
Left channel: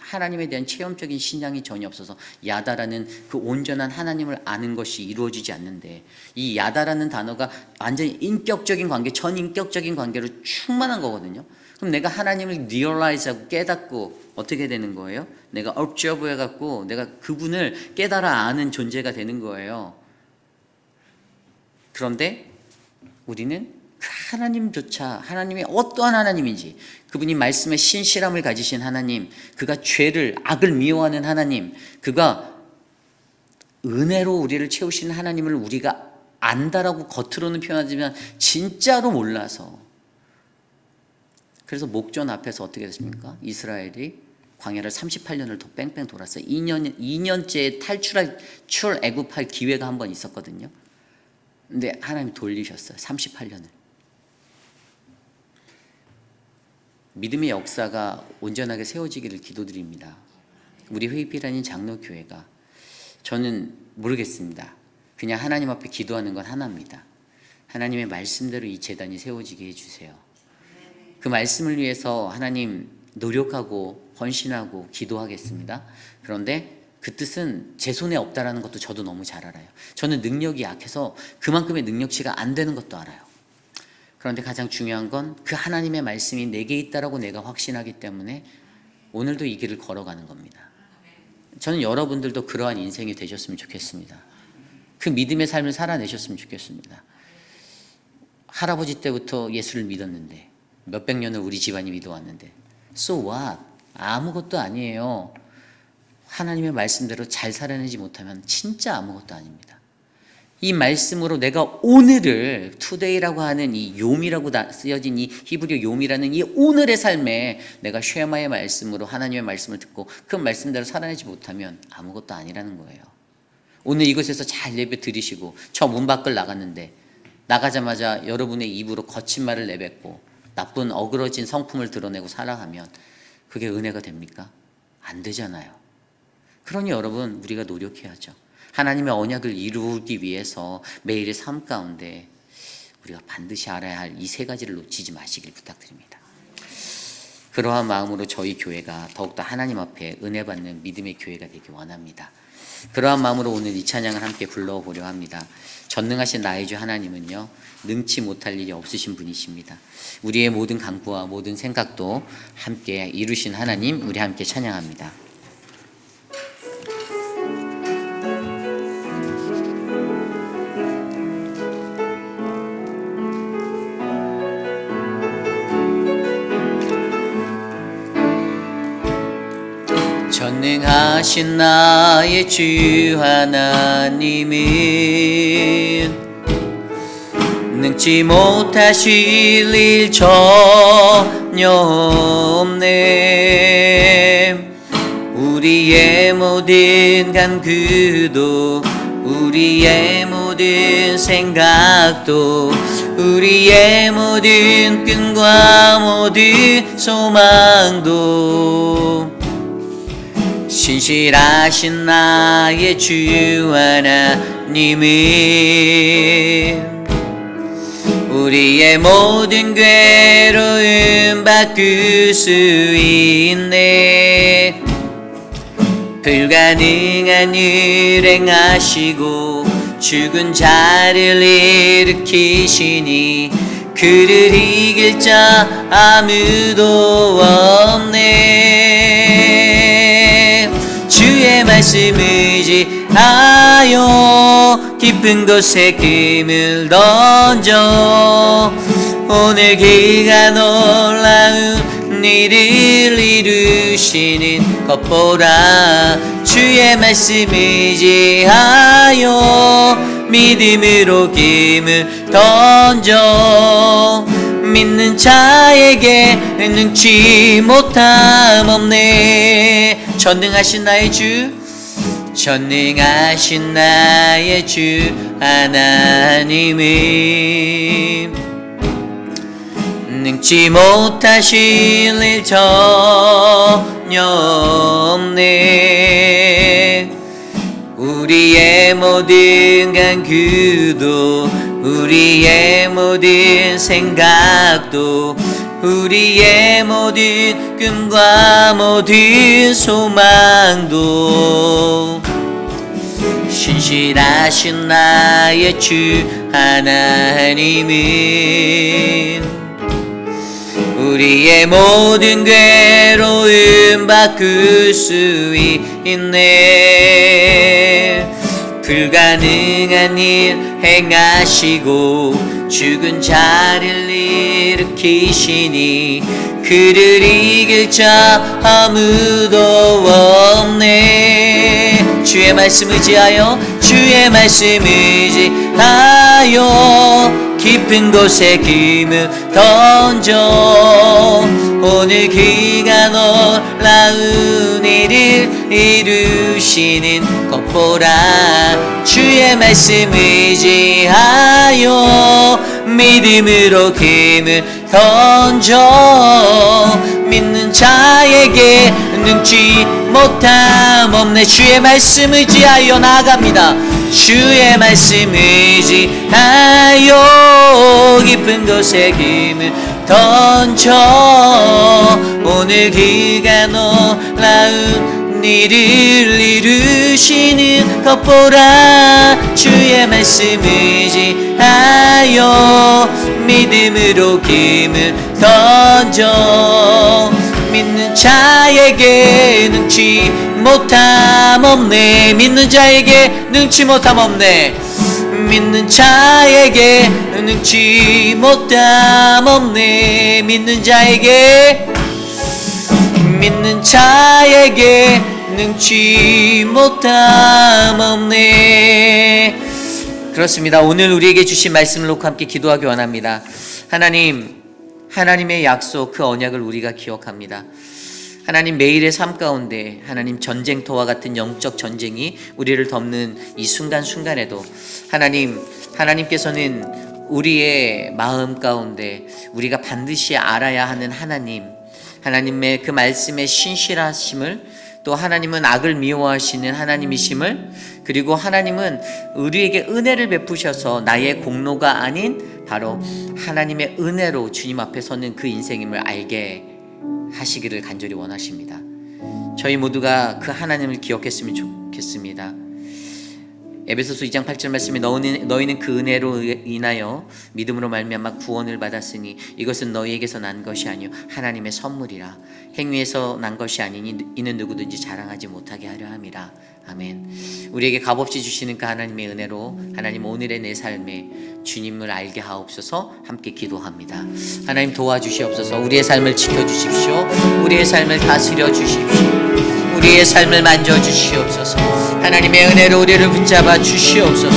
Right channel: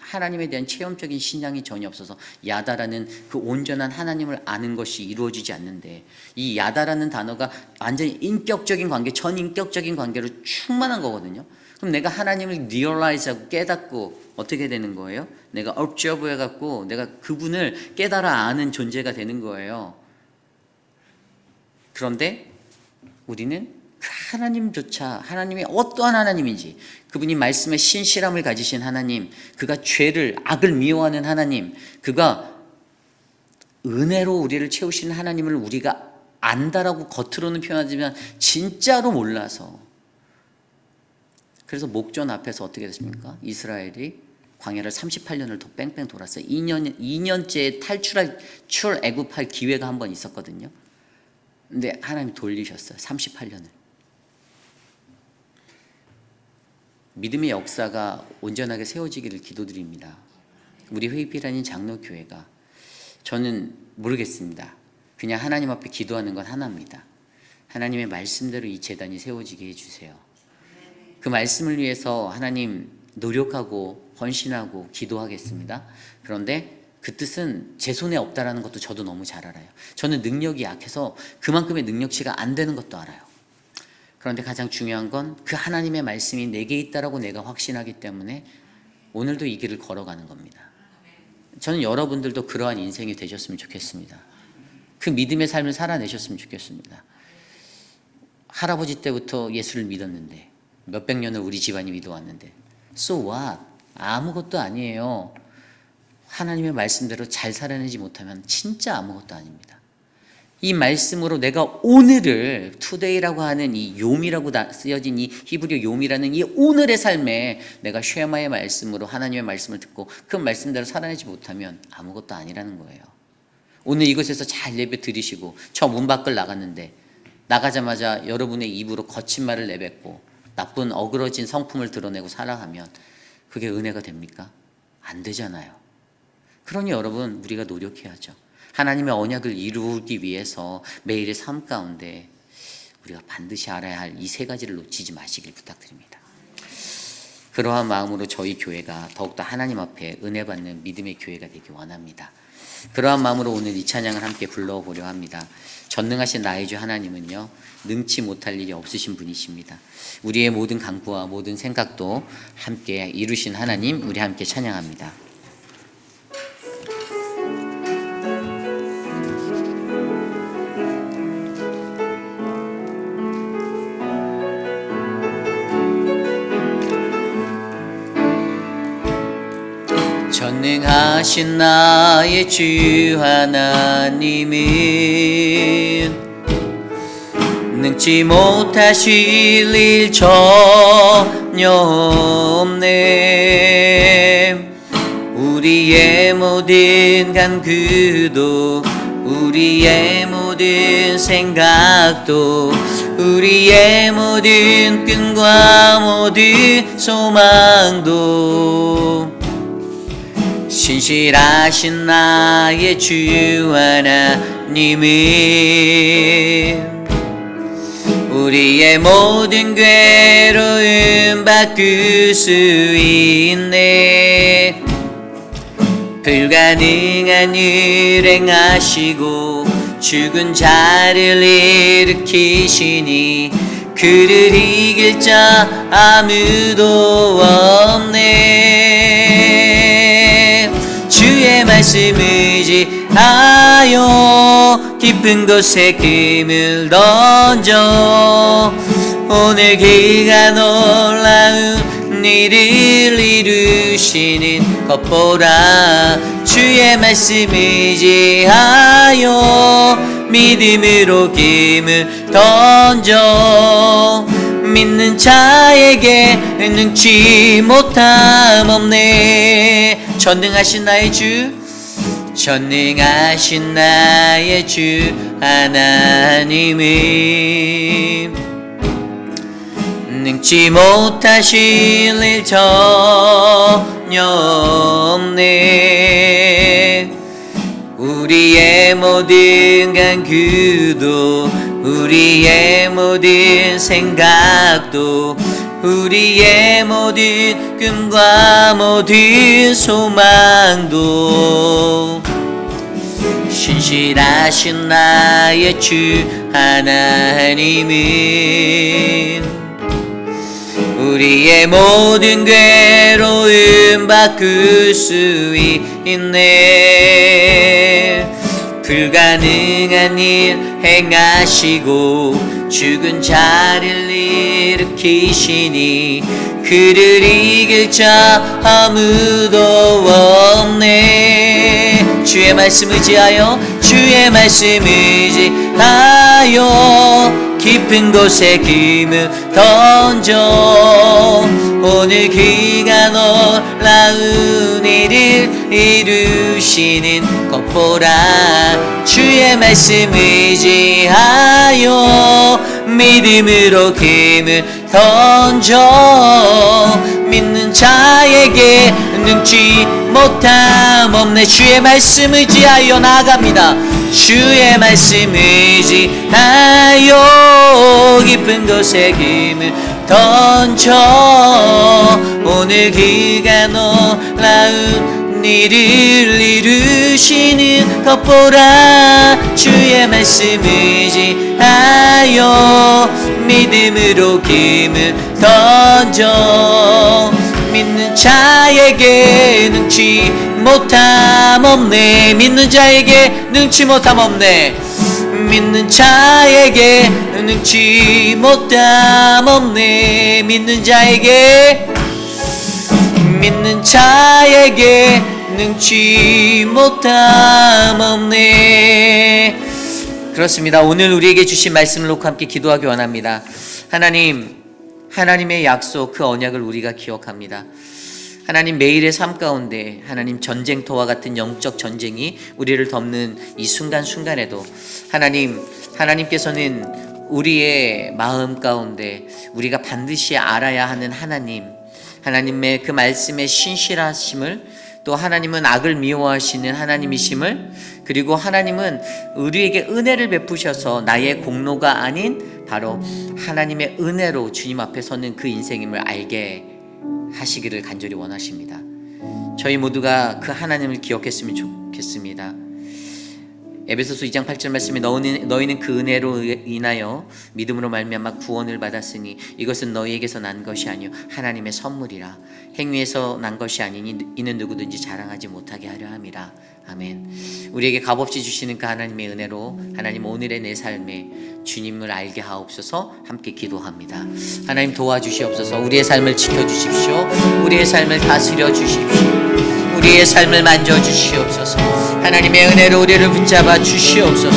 하나님에 대한 체험적인 신앙이 전혀 없어서 야다라는 그 온전한 하나님을 아는 것이 이루어지지 않는데, 이 야다라는 단어가 완전히 인격적인 관계, 전인격적인 관계로 충만한 거거든요. 그럼 내가 하나님을 리얼라이즈하고 깨닫고 어떻게 되는 거예요? 내가 observe 해갖고 내가 그분을 깨달아 아는 존재가 되는 거예요. 그런데 우리는 그 하나님조차 하나님이 어떠한 하나님인지, 그분이 말씀에 신실함을 가지신 하나님, 그가 죄를 악을 미워하는 하나님, 그가 은혜로 우리를 채우시는 하나님을 우리가 안다라고 겉으로는 표현하지만 진짜로 몰라서, 그래서 목전 앞에서 어떻게 됐습니까? 이스라엘이 광야를 38년을 더 뺑뺑 돌았어요. 2년째 애굽할 기회가 한 번 있었거든요. 근데 하나님이 돌리셨어요. 38년을. 믿음의 역사가 온전하게 세워지기를 기도드립니다. 우리 회의비라는 장로교회가, 저는 모르겠습니다. 그냥 하나님 앞에 기도하는 건 하나입니다. 하나님의 말씀대로 이 재단이 세워지게 해주세요. 그 말씀을 위해서 하나님 노력하고 헌신하고 기도하겠습니다. 그런데 그 뜻은 제 손에 없다라는 것도 저도 너무 잘 알아요. 저는 능력이 약해서 그만큼의 능력치가 안 되는 것도 알아요. 그런데 가장 중요한 건 그 하나님의 말씀이 내게 있다라고 내가 확신하기 때문에 오늘도 이 길을 걸어가는 겁니다. 저는 여러분들도 그러한 인생이 되셨으면 좋겠습니다. 그 믿음의 삶을 살아내셨으면 좋겠습니다. 할아버지 때부터 예수를 믿었는데, 몇백 년을 우리 집안이 믿어왔는데, so what? 아무것도 아니에요. 하나님의 말씀대로 잘 살아내지 못하면 진짜 아무것도 아닙니다. 이 말씀으로 내가 오늘을, today라고 하는 이 요미라고 쓰여진 이 히브리어 요미라는 이 오늘의 삶에 내가 쉐마의 말씀으로 하나님의 말씀을 듣고 그 말씀대로 살아내지 못하면 아무것도 아니라는 거예요. 오늘 이곳에서 잘 예배 드리시고 저 문 밖을 나갔는데 나가자마자 여러분의 입으로 거친 말을 내뱉고 나쁜 어그러진 성품을 드러내고 살아가면 그게 은혜가 됩니까? 안 되잖아요. 그러니 여러분, 우리가 노력해야죠. 하나님의 언약을 이루기 위해서 매일의 삶 가운데 우리가 반드시 알아야 할 이 세 가지를 놓치지 마시길 부탁드립니다. 그러한 마음으로 저희 교회가 더욱더 하나님 앞에 은혜 받는 믿음의 교회가 되기 원합니다. 그러한 마음으로 오늘 이 찬양을 함께 불러보려 합니다. 전능하신 나의 주 하나님은요, 능치 못할 일이 없으신 분이십니다. 우리의 모든 간구와 모든 생각도 함께 이루신 하나님, 우리 함께 찬양합니다. 전능하신 나의 주 하나님은 능치 못하실 일 전혀 없네. 우리의 모든 간구도 우리의 모든 생각도 우리의 모든 꿈과 모든 소망도 신실하신 나의 주 하나님은 우리의 모든 괴로움 바꿀 수 있네. 불가능한 일 행하시고 죽은 자를 일으키시니 그를 이길 자 아무도 없네. 주의 말씀 의지하여 깊은 곳에 금을 던져 오늘 그가 놀라운 일을 이루시는 것 보라. 주의 말씀 의지하여 믿음으로 금을 던져 믿는 자에게 능치 못함 없네. 전능하신 나의 주, 전능하신 나의 주 하나님은 능치 못하실 일 전혀 없네. 우리의 모든 간구도 우리의 모든 생각도 우리의 모든 꿈과 모든 소망도 신실하신 나의 주 하나님은 우리의 모든 괴로움 바꿀 수 있네. 불가능한 일 행하시고 죽은 자를 일으키시니 그를 이길 자 아무도 없네. 주의 말씀 의지하여 주의 말씀 의지하여 깊은 곳에 금을 던져 오늘 그가 놀라운 일을 이루시는 것 보라. 주의 말씀 의지하여 믿음으로 금을 던져 믿는 자에게 능치 못함 없네. 주의 말씀 의지하여 나아갑니다. 주의 말씀 의지하여 깊은 곳에 금을 던져 오늘 그가 놀라운 일을 이루시는 것 보라. 주의 말씀 의지하여 믿음으로 금을 던져 믿는 자에게 능치 못함 없네. 믿는 자에게 능치 못함 없네. 믿는 자에게 능치 못함 없네. 믿는 자에게 능치 못함 없네. 그렇습니다. 오늘 우리에게 주신 말씀을 놓고 함께 기도하기 원합니다. 하나님의 약속, 그 언약을 우리가 기억합니다. 하나님, 매일의 삶 가운데 하나님 전쟁터와 같은 영적 전쟁이 우리를 덮는 이 순간순간에도 하나님께서는 우리의 마음 가운데 우리가 반드시 알아야 하는 하나님의 그 말씀의 신실하심을, 또 하나님은 악을 미워하시는 하나님이심을, 그리고 하나님은 우리에게 은혜를 베푸셔서 나의 공로가 아닌 바로 하나님의 은혜로 주님 앞에 서는 그 인생임을 알게 하시기를 간절히 원하십니다. 저희 모두가 그 하나님을 기억했으면 좋겠습니다. 에베소서 2장 8절 말씀에 너희는 그 은혜로 인하여 믿음으로 말미암아 구원을 받았으니 이것은 너희에게서 난 것이 아니요 하나님의 선물이라. 행위에서 난 것이 아니니 이는 누구든지 자랑하지 못하게 하려 함이라. 아멘. 우리에게 값없이 주시는 그 하나님의 은혜로 하나님 오늘의 내 삶에 주님을 알게 하옵소서. 함께 기도합니다. 하나님 도와주시옵소서. 우리의 삶을 지켜주십시오. 우리의 삶을 다스려 주십시오. 우리의 삶을 만져주시옵소서. 하나님의 은혜로 우리를 붙잡아 주시옵소서.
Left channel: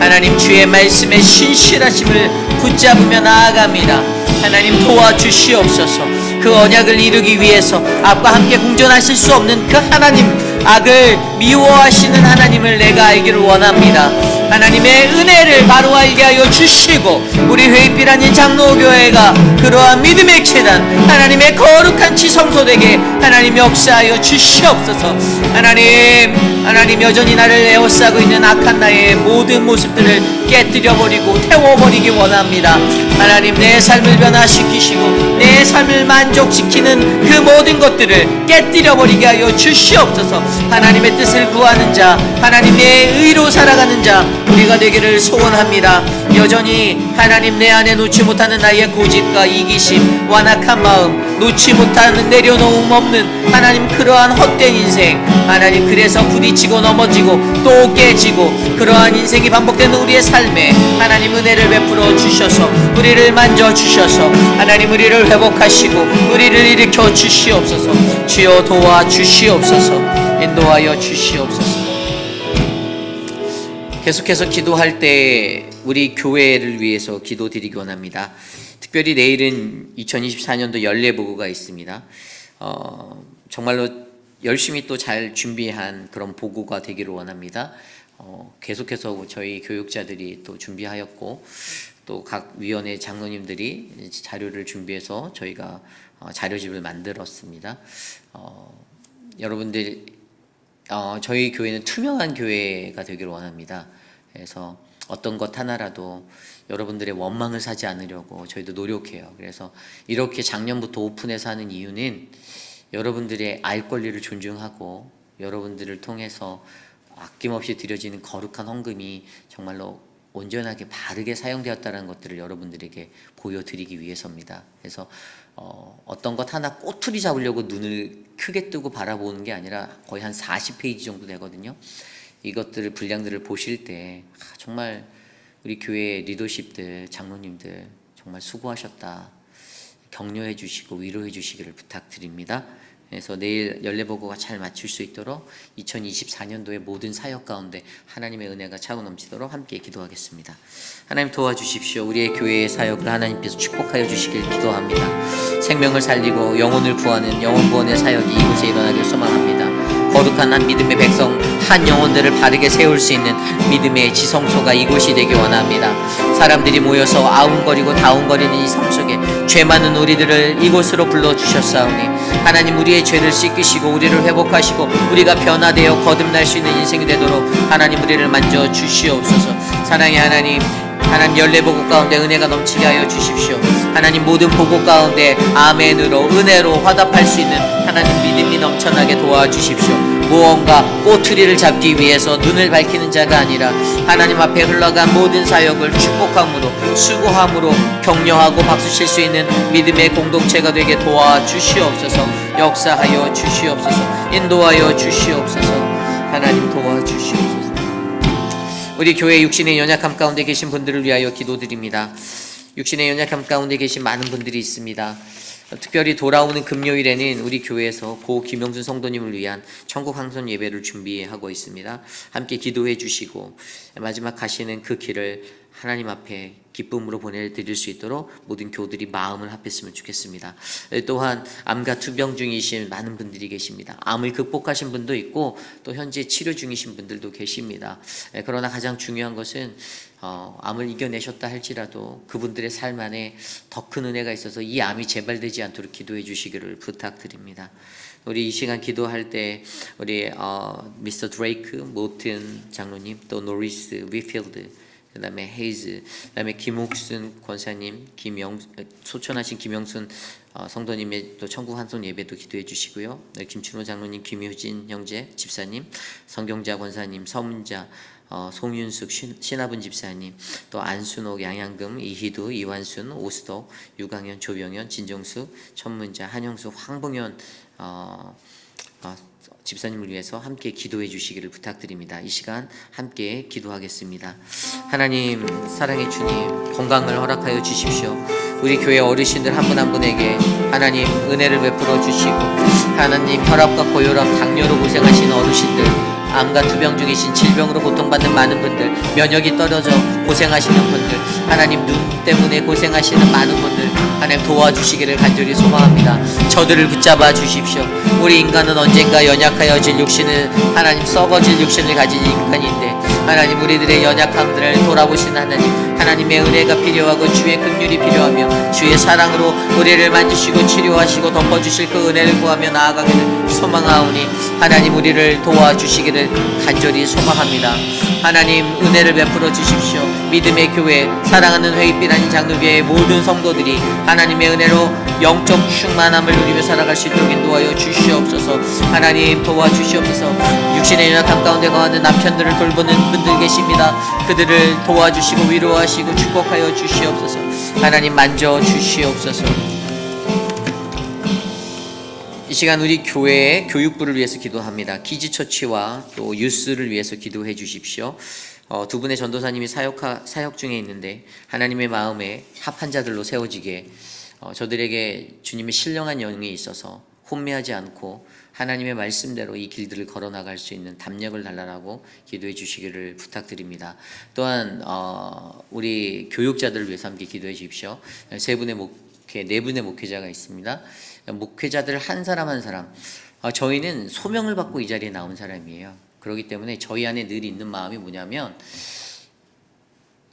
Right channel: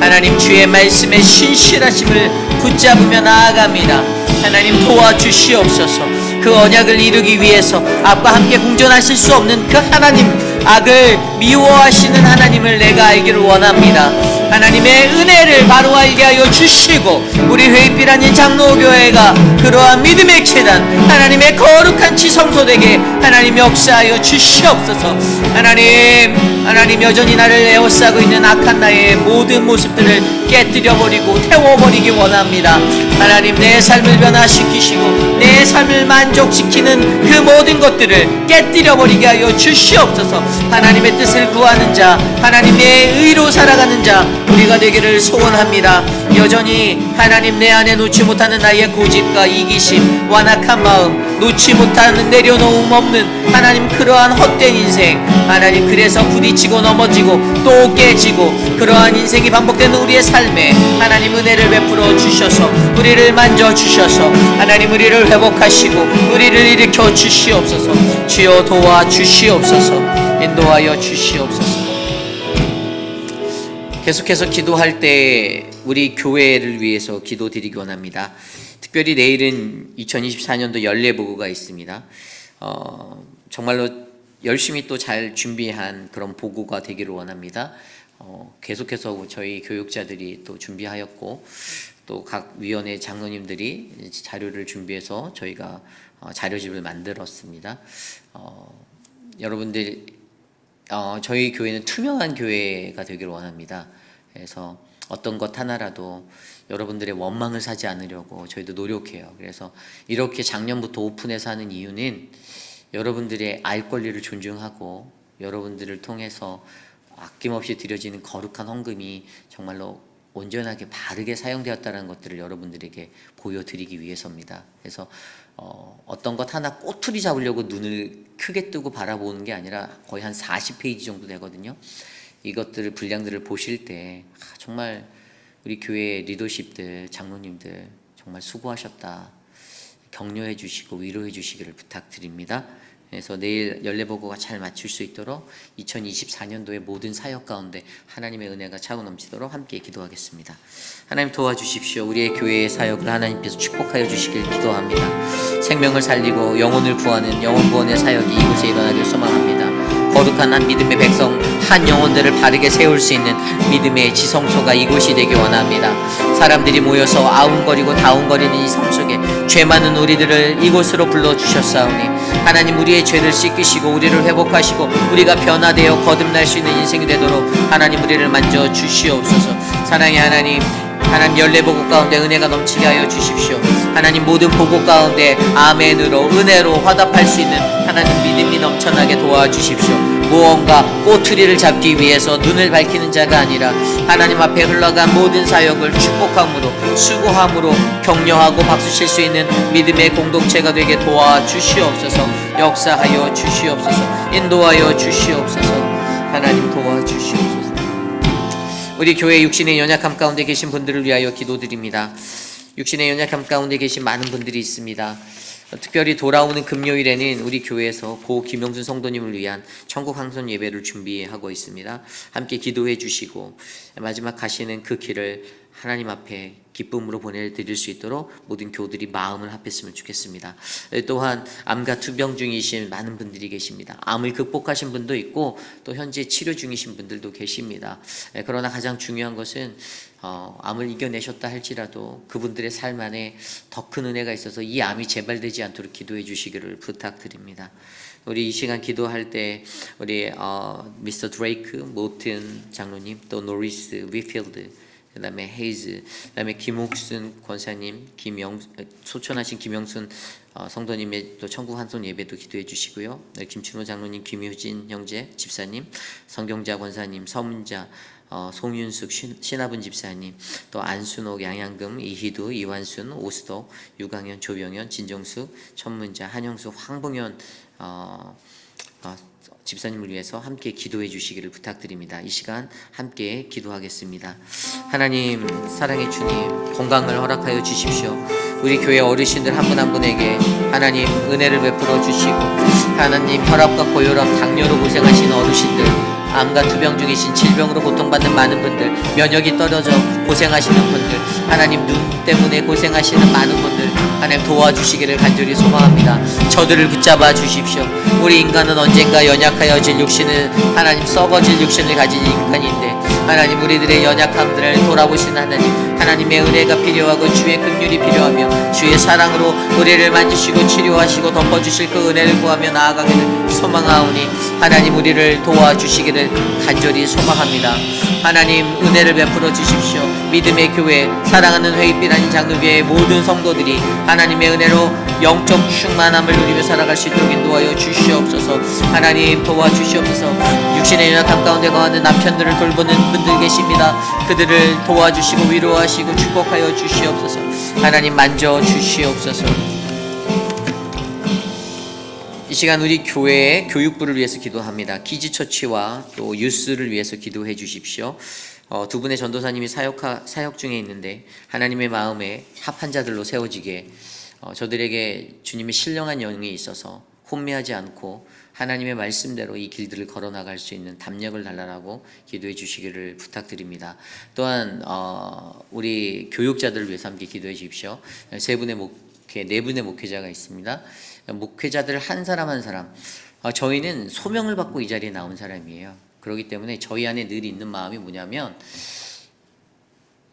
하나님, 주의 말씀의 신실하심을 붙잡으며 나아갑니다. 하나님 도와주시옵소서. 그 언약을 이루기 위해서 악과 함께 공존하실 수 없는 그 하나님, 악을 미워하시는 하나님을 내가 알기를 원합니다. 하나님의 은혜를 바로 알게 하여 주시고 우리 회의비라는 장로교회가 그러한 믿음의 계단, 하나님의 거룩한 지성소되게 하나님 역사하여 주시옵소서. 하나님 여전히 나를 에워싸고 있는 악한 나의 모든 모습들을 깨뜨려버리고 태워버리기 원합니다. 하나님, 내 삶을 변화시키시고 내 삶을 만족시키는 그 모든 것들을 깨뜨려버리게 하여 주시옵소서. 하나님의 뜻을 구하는 자, 하나님의 의로 살아가는 자 우리가 되기를 소원합니다. 여전히 하나님, 내 안에 놓지 못하는 나의 고집과 이기심, 완악한 마음, 놓지 못하는 내려놓음 없는 하나님 그러한 헛된 인생, 하나님 그래서 부딪히고 넘어지고 또 깨지고 그러한 인생이 반복되는 우리의 삶에 하나님 은혜를 베풀어 주셔서 우리를 만져 주셔서 하나님 우리를 회복하시고 우리를 일으켜 주시옵소서. 주여 도와 주시옵소서. 인도하여 주시옵소서. 계속해서 기도할 때 우리 교회를 위해서 기도드리기 원합니다. 특별히 내일은 2024년도 연례보고가 있습니다. 정말로 열심히 또 잘 준비한 그런 보고가 되기를 원합니다. 계속해서 저희 교육자들이 또 준비하였고 또 각 위원회 장로님들이 자료를 준비해서 저희가 자료집을 만들었습니다. 여러분들, 저희 교회는 투명한 교회가 되기를 원합니다. 그래서 어떤 것 하나라도 여러분들의 원망을 사지 않으려고 저희도 노력해요. 그래서 이렇게 작년부터 오픈해서 하는 이유는 여러분들의 알 권리를 존중하고 여러분들을 통해서 아낌없이 드려지는 거룩한 헌금이 정말로 온전하게 바르게 사용되었다는 것들을 여러분들에게 보여드리기 위해서입니다. 그래서 어떤 것 하나 꼬투리 잡으려고 눈을 크게 뜨고 바라보는 게 아니라 거의 한 40페이지 정도 되거든요. 이것들을 분량들을 보실 때 정말 우리 교회 리더십들, 장로님들 정말 수고하셨다. 격려해 주시고 위로해 주시기를 부탁드립니다. 그래서 내일 연례보고가 잘 맞출 수 있도록 2024년도의 모든 사역 가운데 하나님의 은혜가 차고 넘치도록 함께 기도하겠습니다. 하나님 도와주십시오. 우리의 교회의 사역을 하나님께서 축복하여 주시길 기도합니다. 생명을 살리고 영혼을 구하는 영혼구원의 사역이 이곳에 일어나길 소망합니다. 거룩한 한 믿음의 백성, 한 영혼들을 바르게 세울 수 있는 믿음의 지성소가 이곳이 되기 원합니다. 사람들이 모여서 아웅거리고 다웅거리는 이 삶 속에 죄 많은 우리들을 이곳으로 불러주셨사오니 하나님 우리의 죄를 씻기시고 우리를 회복하시고 우리가 변화되어 거듭날 수 있는 인생이 되도록 하나님 우리를 만져 주시옵소서. 사랑의 하나님, 하나님 연례보고 가운데 은혜가 넘치게 하여 주십시오. 하나님 모든 보고 가운데 아멘으로 은혜로 화답할 수 있는 하나님 믿음이 넘쳐나게 도와주십시오. 무언가 꼬투리를 잡기 위해서 눈을 밝히는 자가 아니라 하나님 앞에 흘러간 모든 사역을 축복함으로 수고함으로 격려하고 박수칠 수 있는 믿음의 공동체가 되게 도와주시옵소서. 역사하여 주시옵소서. 인도하여 주시옵소서. 하나님 도와주시옵소서. 우리 교회 육신의 연약함 가운데 계신 분들을 위하여 기도드립니다. 육신의 연약함 가운데 계신 많은 분들이 있습니다. 특별히 돌아오는 금요일에는 우리 교회에서 고 김영준 성도님을 위한 천국 항선 예배를 준비하고 있습니다. 함께 기도해 주시고 마지막 가시는 그 길을 하나님 앞에 기쁨으로 보내드릴 수 있도록 모든 교우들이 마음을 합했으면 좋겠습니다. 또한 암과 투병 중이신 많은 분들이 계십니다. 암을 극복하신 분도 있고 또 현재 치료 중이신 분들도 계십니다. 그러나 가장 중요한 것은 암을 이겨내셨다 할지라도 그분들의 삶 안에 더 큰 은혜가 있어서 이 암이 재발되지 않도록 기도해 주시기를 부탁드립니다. 우리 이 시간 기도할 때 우리 미스터 드레이크, 모튼 장로님, 또 노리스 위필드, 그 다음에 헤이즈, 그 다음에 김옥순 권사님, 소천하신 김영순 성도님의 또 천국 한손 예배도 기도해 주시고요. 김춘호 장로님, 김효진 형제 집사님, 성경자 권사님, 서문자, 송윤숙 신하분 집사님, 또 안순옥, 양양금, 이희두, 이완순, 오수덕, 유강현, 조병현, 진정숙, 천문자, 한영수, 황봉현 집사님을 위해서 함께 기도해 주시기를 부탁드립니다. 이 시간 함께 기도하겠습니다. 하나님, 사랑의 주님, 건강을 허락하여 주십시오. 우리 교회 어르신들 한 분 한 분에게 하나님 은혜를 베풀어 주시고 하나님 혈압과 고혈압, 당뇨로 고생하시는 어르신들, 암과 투병 중이신 질병으로 고통받는 많은 분들, 면역이 떨어져 고생하시는 분들, 하나님 눈 때문에 고생하시는 많은 분들 하나님 도와주시기를 간절히 소망합니다. 저들을 붙잡아 주십시오. 우리 인간은 언젠가 연약하여질 육신을 하나님 썩어질 육신을 가진 인간인데 하나님 우리들의 연약함들을 돌아보신 하나님의 은혜가 필요하고 주의 긍휼이 필요하며 주의 사랑으로 우리를 만지시고 치료하시고 덮어주실 그 은혜를 구하며 나아가기를 소망하오니 하나님 우리를 도와주시기를 간절히 소망합니다. 하나님 은혜를 베풀어 주십시오. 믿음의 교회, 사랑하는 회의빛 아닌 장로교회의 모든 성도들이 하나님의 은혜로 영적 충만함을 누리며 살아갈 수 있도록 인도하여 주시옵소서. 하나님 도와주시옵소서. 육신의 연약함 가운데 거하는 남편들을 돌보는 분들 계십니다. 그들을 도와주시고 위로하시고 축복하여 주시옵소서. 하나님 만져 주시옵소서. 이 시간 우리 교회의 교육부를 위해서 기도합니다. 키즈처치와 또 유스를 위해서 기도해 주십시오. 두 분의 전도사님이 사역 중에 있는데 하나님의 마음에 합한 자들로 세워지게 저들에게 주님의 신령한 영이 있어서 혼미하지 않고 하나님의 말씀대로 이 길들을 걸어나갈 수 있는 담력을 달라고 기도해 주시기를 부탁드립니다. 또한 우리 교육자들을 위해서 함께 기도해 주십시오. 네 분의 목회자가 있습니다. 목회자들 한 사람 한 사람, 저희는 소명을 받고 이 자리에 나온 사람이에요. 그렇기 때문에 저희 안에 늘 있는 마음이 뭐냐면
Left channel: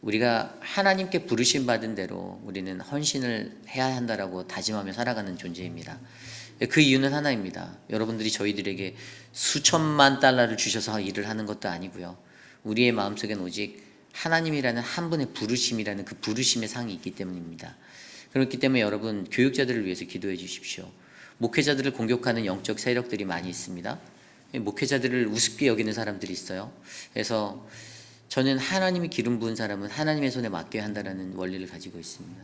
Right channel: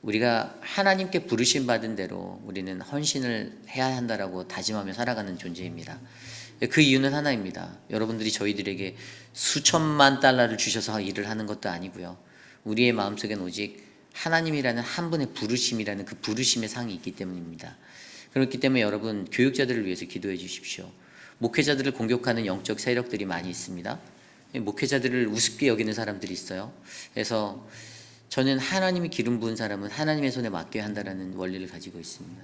우리가 하나님께 부르심 받은 대로 우리는 헌신을 해야 한다라고 다짐하며 살아가는 존재입니다. 그 이유는 하나입니다. 여러분들이 저희들에게 수천만 달러를 주셔서 일을 하는 것도 아니고요. 우리의 마음속엔 오직 하나님이라는 한 분의 부르심이라는 그 부르심의 상이 있기 때문입니다. 그렇기 때문에 여러분 교육자들을 위해서 기도해 주십시오. 목회자들을 공격하는 영적 세력들이 많이 있습니다. 목회자들을 우습게 여기는 사람들이 있어요. 그래서 저는 하나님이 기름 부은 사람은 하나님의 손에 맡겨야 한다는 원리를 가지고 있습니다.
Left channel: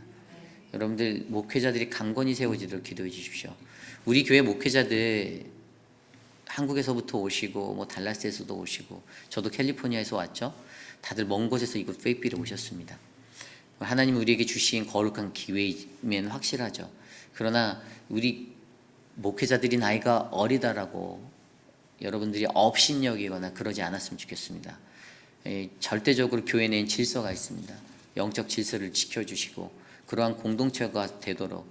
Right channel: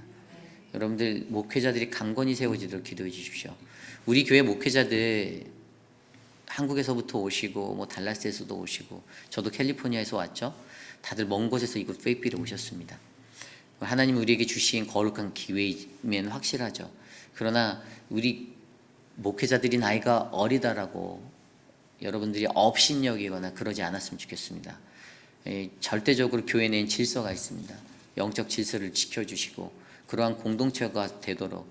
여러분들 목회자들이 강건히 세워지도록 기도해 주십시오. 우리 교회 목회자들 한국에서부터 오시고 뭐 달라스에서도 오시고 저도 캘리포니아에서 왔죠. 다들 먼 곳에서 이곳 페이필에 오셨습니다. 하나님 우리에게 주신 거룩한 기회이면 확실하죠. 그러나 우리 목회자들이 나이가 어리다라고 여러분들이 업신여기거나 그러지 않았으면 좋겠습니다. 절대적으로 교회 내엔 질서가 있습니다. 영적 질서를 지켜주시고 그러한 공동체가 되도록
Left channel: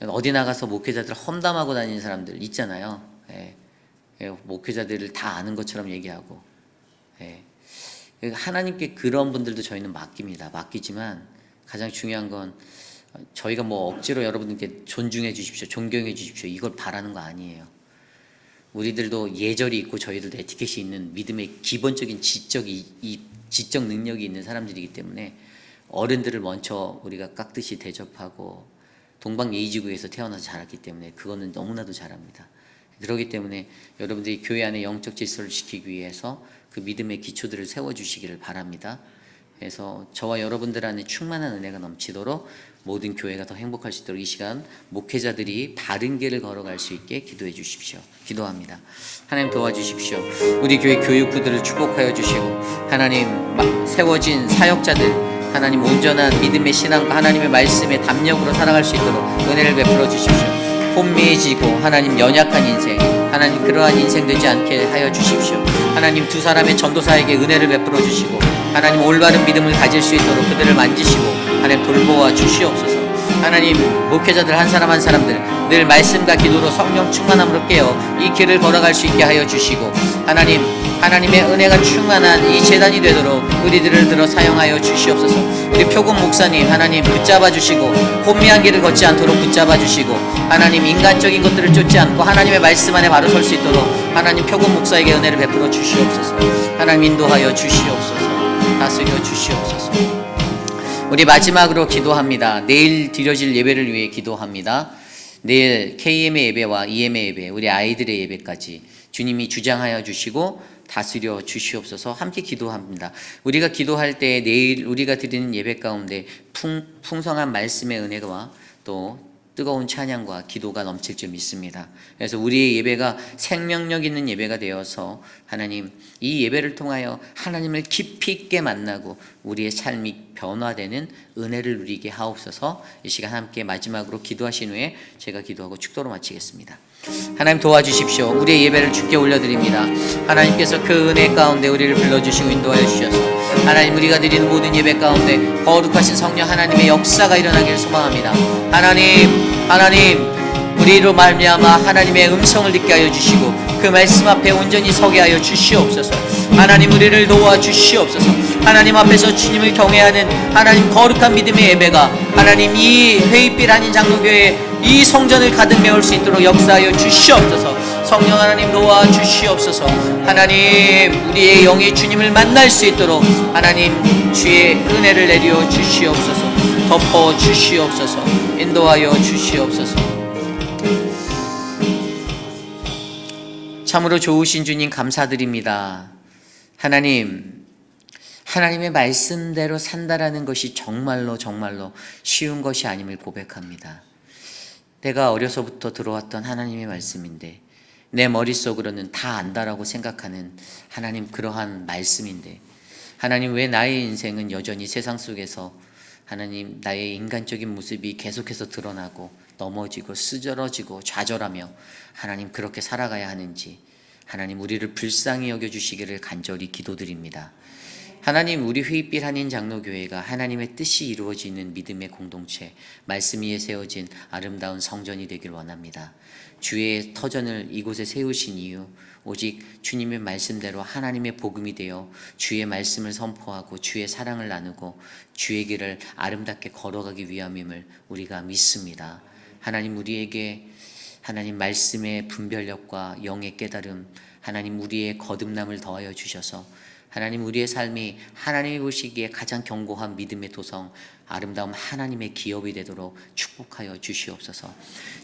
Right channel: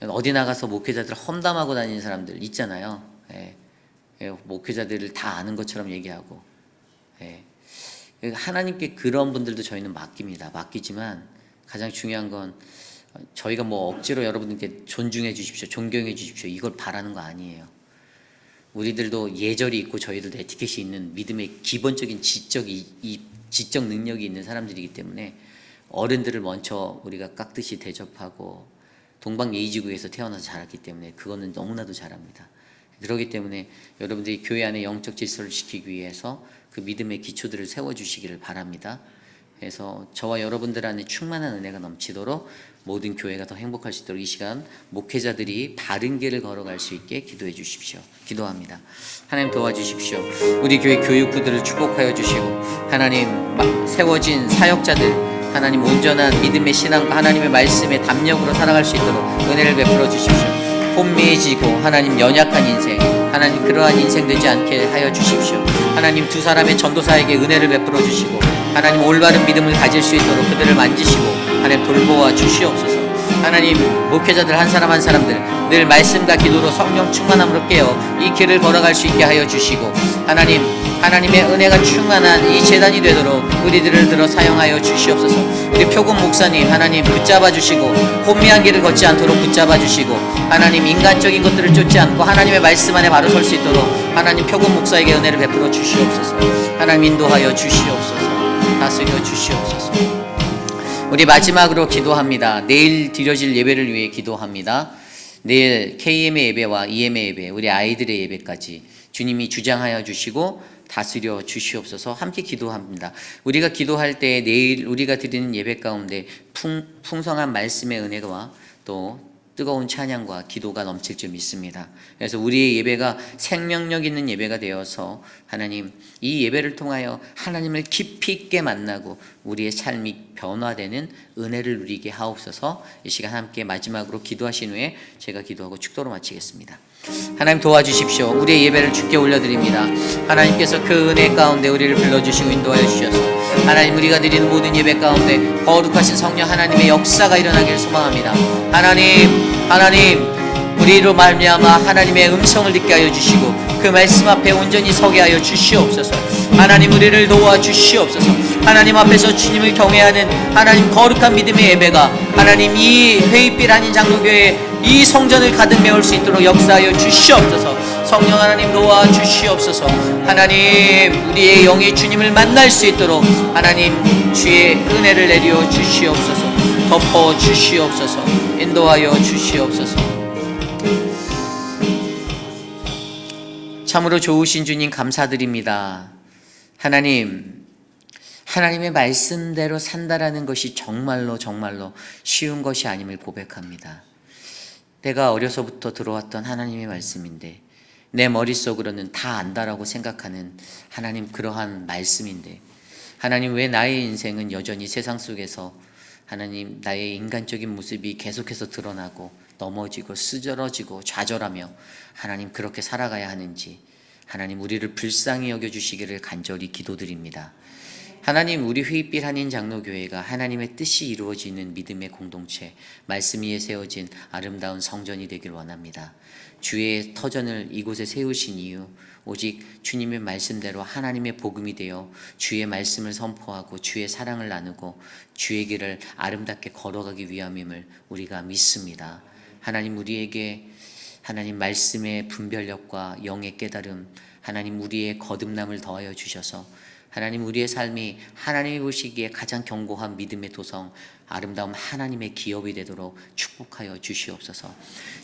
어디 나가서 목회자들 험담하고 다니는 사람들 있잖아요. 목회자들을 다 아는 것처럼 얘기하고 하나님께 그런 분들도 저희는 맡깁니다. 맡기지만 가장 중요한 건 저희가 뭐 억지로 여러분들께 존중해 주십시오, 존경해 주십시오 이걸 바라는 거 아니에요. 우리들도 예절이 있고 저희들도 에티켓이 있는 믿음의 기본적인 지적 능력이 있는 사람들이기 때문에 어른들을 먼저 우리가 깍듯이 대접하고 동방예의지구에서 태어나서 자랐기 때문에 그거는 너무나도 잘합니다. 그렇기 때문에 여러분들이 교회 안에 영적 질서를 지키기 위해서 그 믿음의 기초들을 세워주시기를 바랍니다. 그래서 저와 여러분들 안에 충만한 은혜가 넘치도록 모든 교회가 더 행복할 수 있도록 이 시간 목회자들이 바른 길을 걸어갈 수 있게 기도해 주십시오. 기도합니다. 하나님 도와주십시오. 우리 교회 교육부들을 축복하여 주시고 하나님 세워진 사역자들 하나님 온전한 믿음의 신앙과 하나님의 말씀의 담력으로 살아갈 수 있도록 은혜를 베풀어 주십시오. 혼미해지고 하나님 연약한 인생 하나님 그러한 인생 되지 않게 하여 주십시오. 하나님 두 사람의 전도사에게 은혜를 베풀어 주시고 하나님 올바른 믿음을 가질 수 있도록 그들을 만지시고 하나님 돌보아 주시옵소서. 하나님 목회자들 한 사람 한 사람들 늘 말씀과 기도로 성령 충만함으로 깨어 이 길을 걸어갈 수 있게 하여 주시고 하나님의 은혜가 충만한 이 제단이 되도록 우리들을 들어 사용하여 주시옵소서. 우리 표금 목사님 하나님 붙잡아 주시고 혼미한 길을 걷지 않도록 붙잡아 주시고 하나님 인간적인 것들을 쫓지 않고 하나님의 말씀 안에 바로 설 수 있도록 하나님 표금 목사에게 은혜를 베풀어 주시옵소서. 하나님 인도하여 주시옵소서. 다스려 주시옵소서. 우리 마지막으로 기도합니다. 내일 드려질 예배를 위해 기도합니다. 내일 KM의 예배와 EM의 예배, 우리 아이들의 예배까지 주님이 주장하여 주시고 다스려 주시옵소서. 함께 기도합니다. 우리가 기도할 때 내일 우리가 드리는 예배 가운데 풍성한 말씀의 은혜와 또 뜨거운 찬양과 기도가 넘칠 줄 믿습니다. 그래서 우리의 예배가 생명력 있는 예배가 되어서 하나님 이 예배를 통하여 하나님을 깊이 있게 만나고 우리의 삶이 변화되는 은혜를 누리게 하옵소서. 이 시간 함께 마지막으로 기도하신 후에 제가 기도하고 축도로 마치겠습니다. 하나님 도와주십시오. 우리의 예배를 주께 올려드립니다. 하나님께서 그 은혜 가운데 우리를 불러주시고 인도하여 주셔서 하나님 우리가 드리는 모든 예배 가운데 거룩하신 성령 하나님의 역사가 일어나기를 소망합니다. 하나님 우리로 말미암아 하나님의 음성을 듣게 하여 주시고 그 말씀 앞에 온전히 서게 하여 주시옵소서. 하나님 우리를 도와주시옵소서. 하나님 앞에서 주님을 경외하는 하나님 거룩한 믿음의 예배가 하나님 이 회의빛 한인 장로교회 이 성전을 가득 메울 수 있도록 역사하여 주시옵소서. 성령 하나님 도와주시옵소서. 하나님 우리의 영이 주님을 만날 수 있도록 하나님 주의 은혜를 내려 주시옵소서. 덮어 주시옵소서. 인도하여 주시옵소서. 참으로 좋으신 주님 감사드립니다. 하나님의 말씀대로 산다라는 것이 정말로 쉬운 것이 아님을 고백합니다. 내가 어려서부터 들어왔던 하나님의 말씀인데 내 머릿속으로는 다 안다라고 생각하는 하나님 그러한 말씀인데 하나님 왜 나의 인생은 여전히 세상 속에서 하나님 나의 인간적인 모습이 계속해서 드러나고 넘어지고 쓰러지고 좌절하며 하나님 그렇게 살아가야 하는지 하나님 우리를 불쌍히 여겨주시기를 간절히 기도드립니다. 하나님 우리 회의빛 한인 장로교회가 하나님의 뜻이 이루어지는 믿음의 공동체 말씀 위에 세워진 아름다운 성전이 되길 원합니다. 주의 터전을 이곳에 세우신 이유 오직 주님의 말씀대로 하나님의 복음이 되어 주의 말씀을 선포하고 주의 사랑을 나누고 주의 길을 아름답게 걸어가기 위함임을 우리가 믿습니다. 하나님 우리에게 하나님 말씀의 분별력과 영의 깨달음 하나님 우리의 거듭남을 더하여 주셔서 하나님 우리의 삶이 하나님이 보시기에 가장 견고한 믿음의 도성 아름다운 하나님의 기업이 되도록 축복하여 주시옵소서.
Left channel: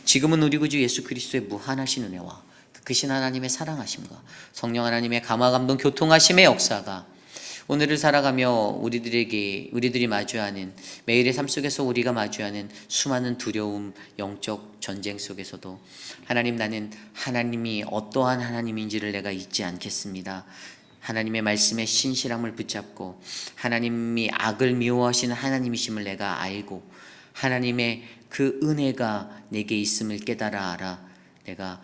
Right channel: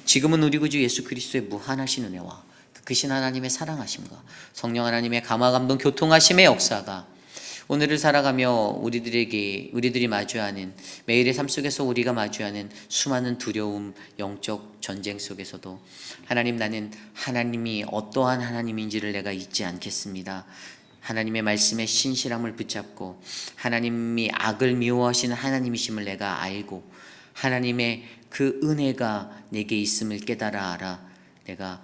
지금은 우리 구주 예수 그리스도의 무한하신 은혜와 크신 하나님의 사랑하심과 성령 하나님의 감화 감동 교통하심의 역사가 오늘을 살아가며 우리들이 마주하는 매일의 삶 속에서 우리가 마주하는 수많은 두려움, 영적 전쟁 속에서도 하나님, 나는 하나님이 어떠한 하나님인지를 내가 잊지 않겠습니다. 하나님의 말씀에 신실함을 붙잡고 하나님이 악을 미워하시는 하나님이심을 내가 알고 하나님의 그 은혜가 내게 있음을 깨달아 알아 내가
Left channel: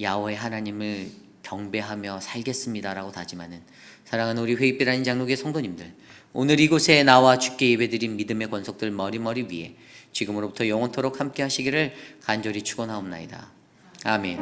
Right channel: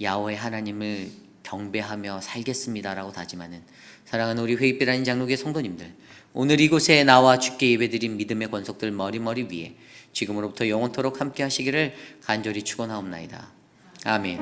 야훼 하나님을 경배하며 살겠습니다라고 다짐하는 사랑하는 우리 회입비라는 장로교회 성도님들, 오늘 이곳에 나와 주께 예배드린 믿음의 권속들 머리 위에 지금으로부터 영원토록 함께 하시기를 간절히 축원하옵나이다. 아멘.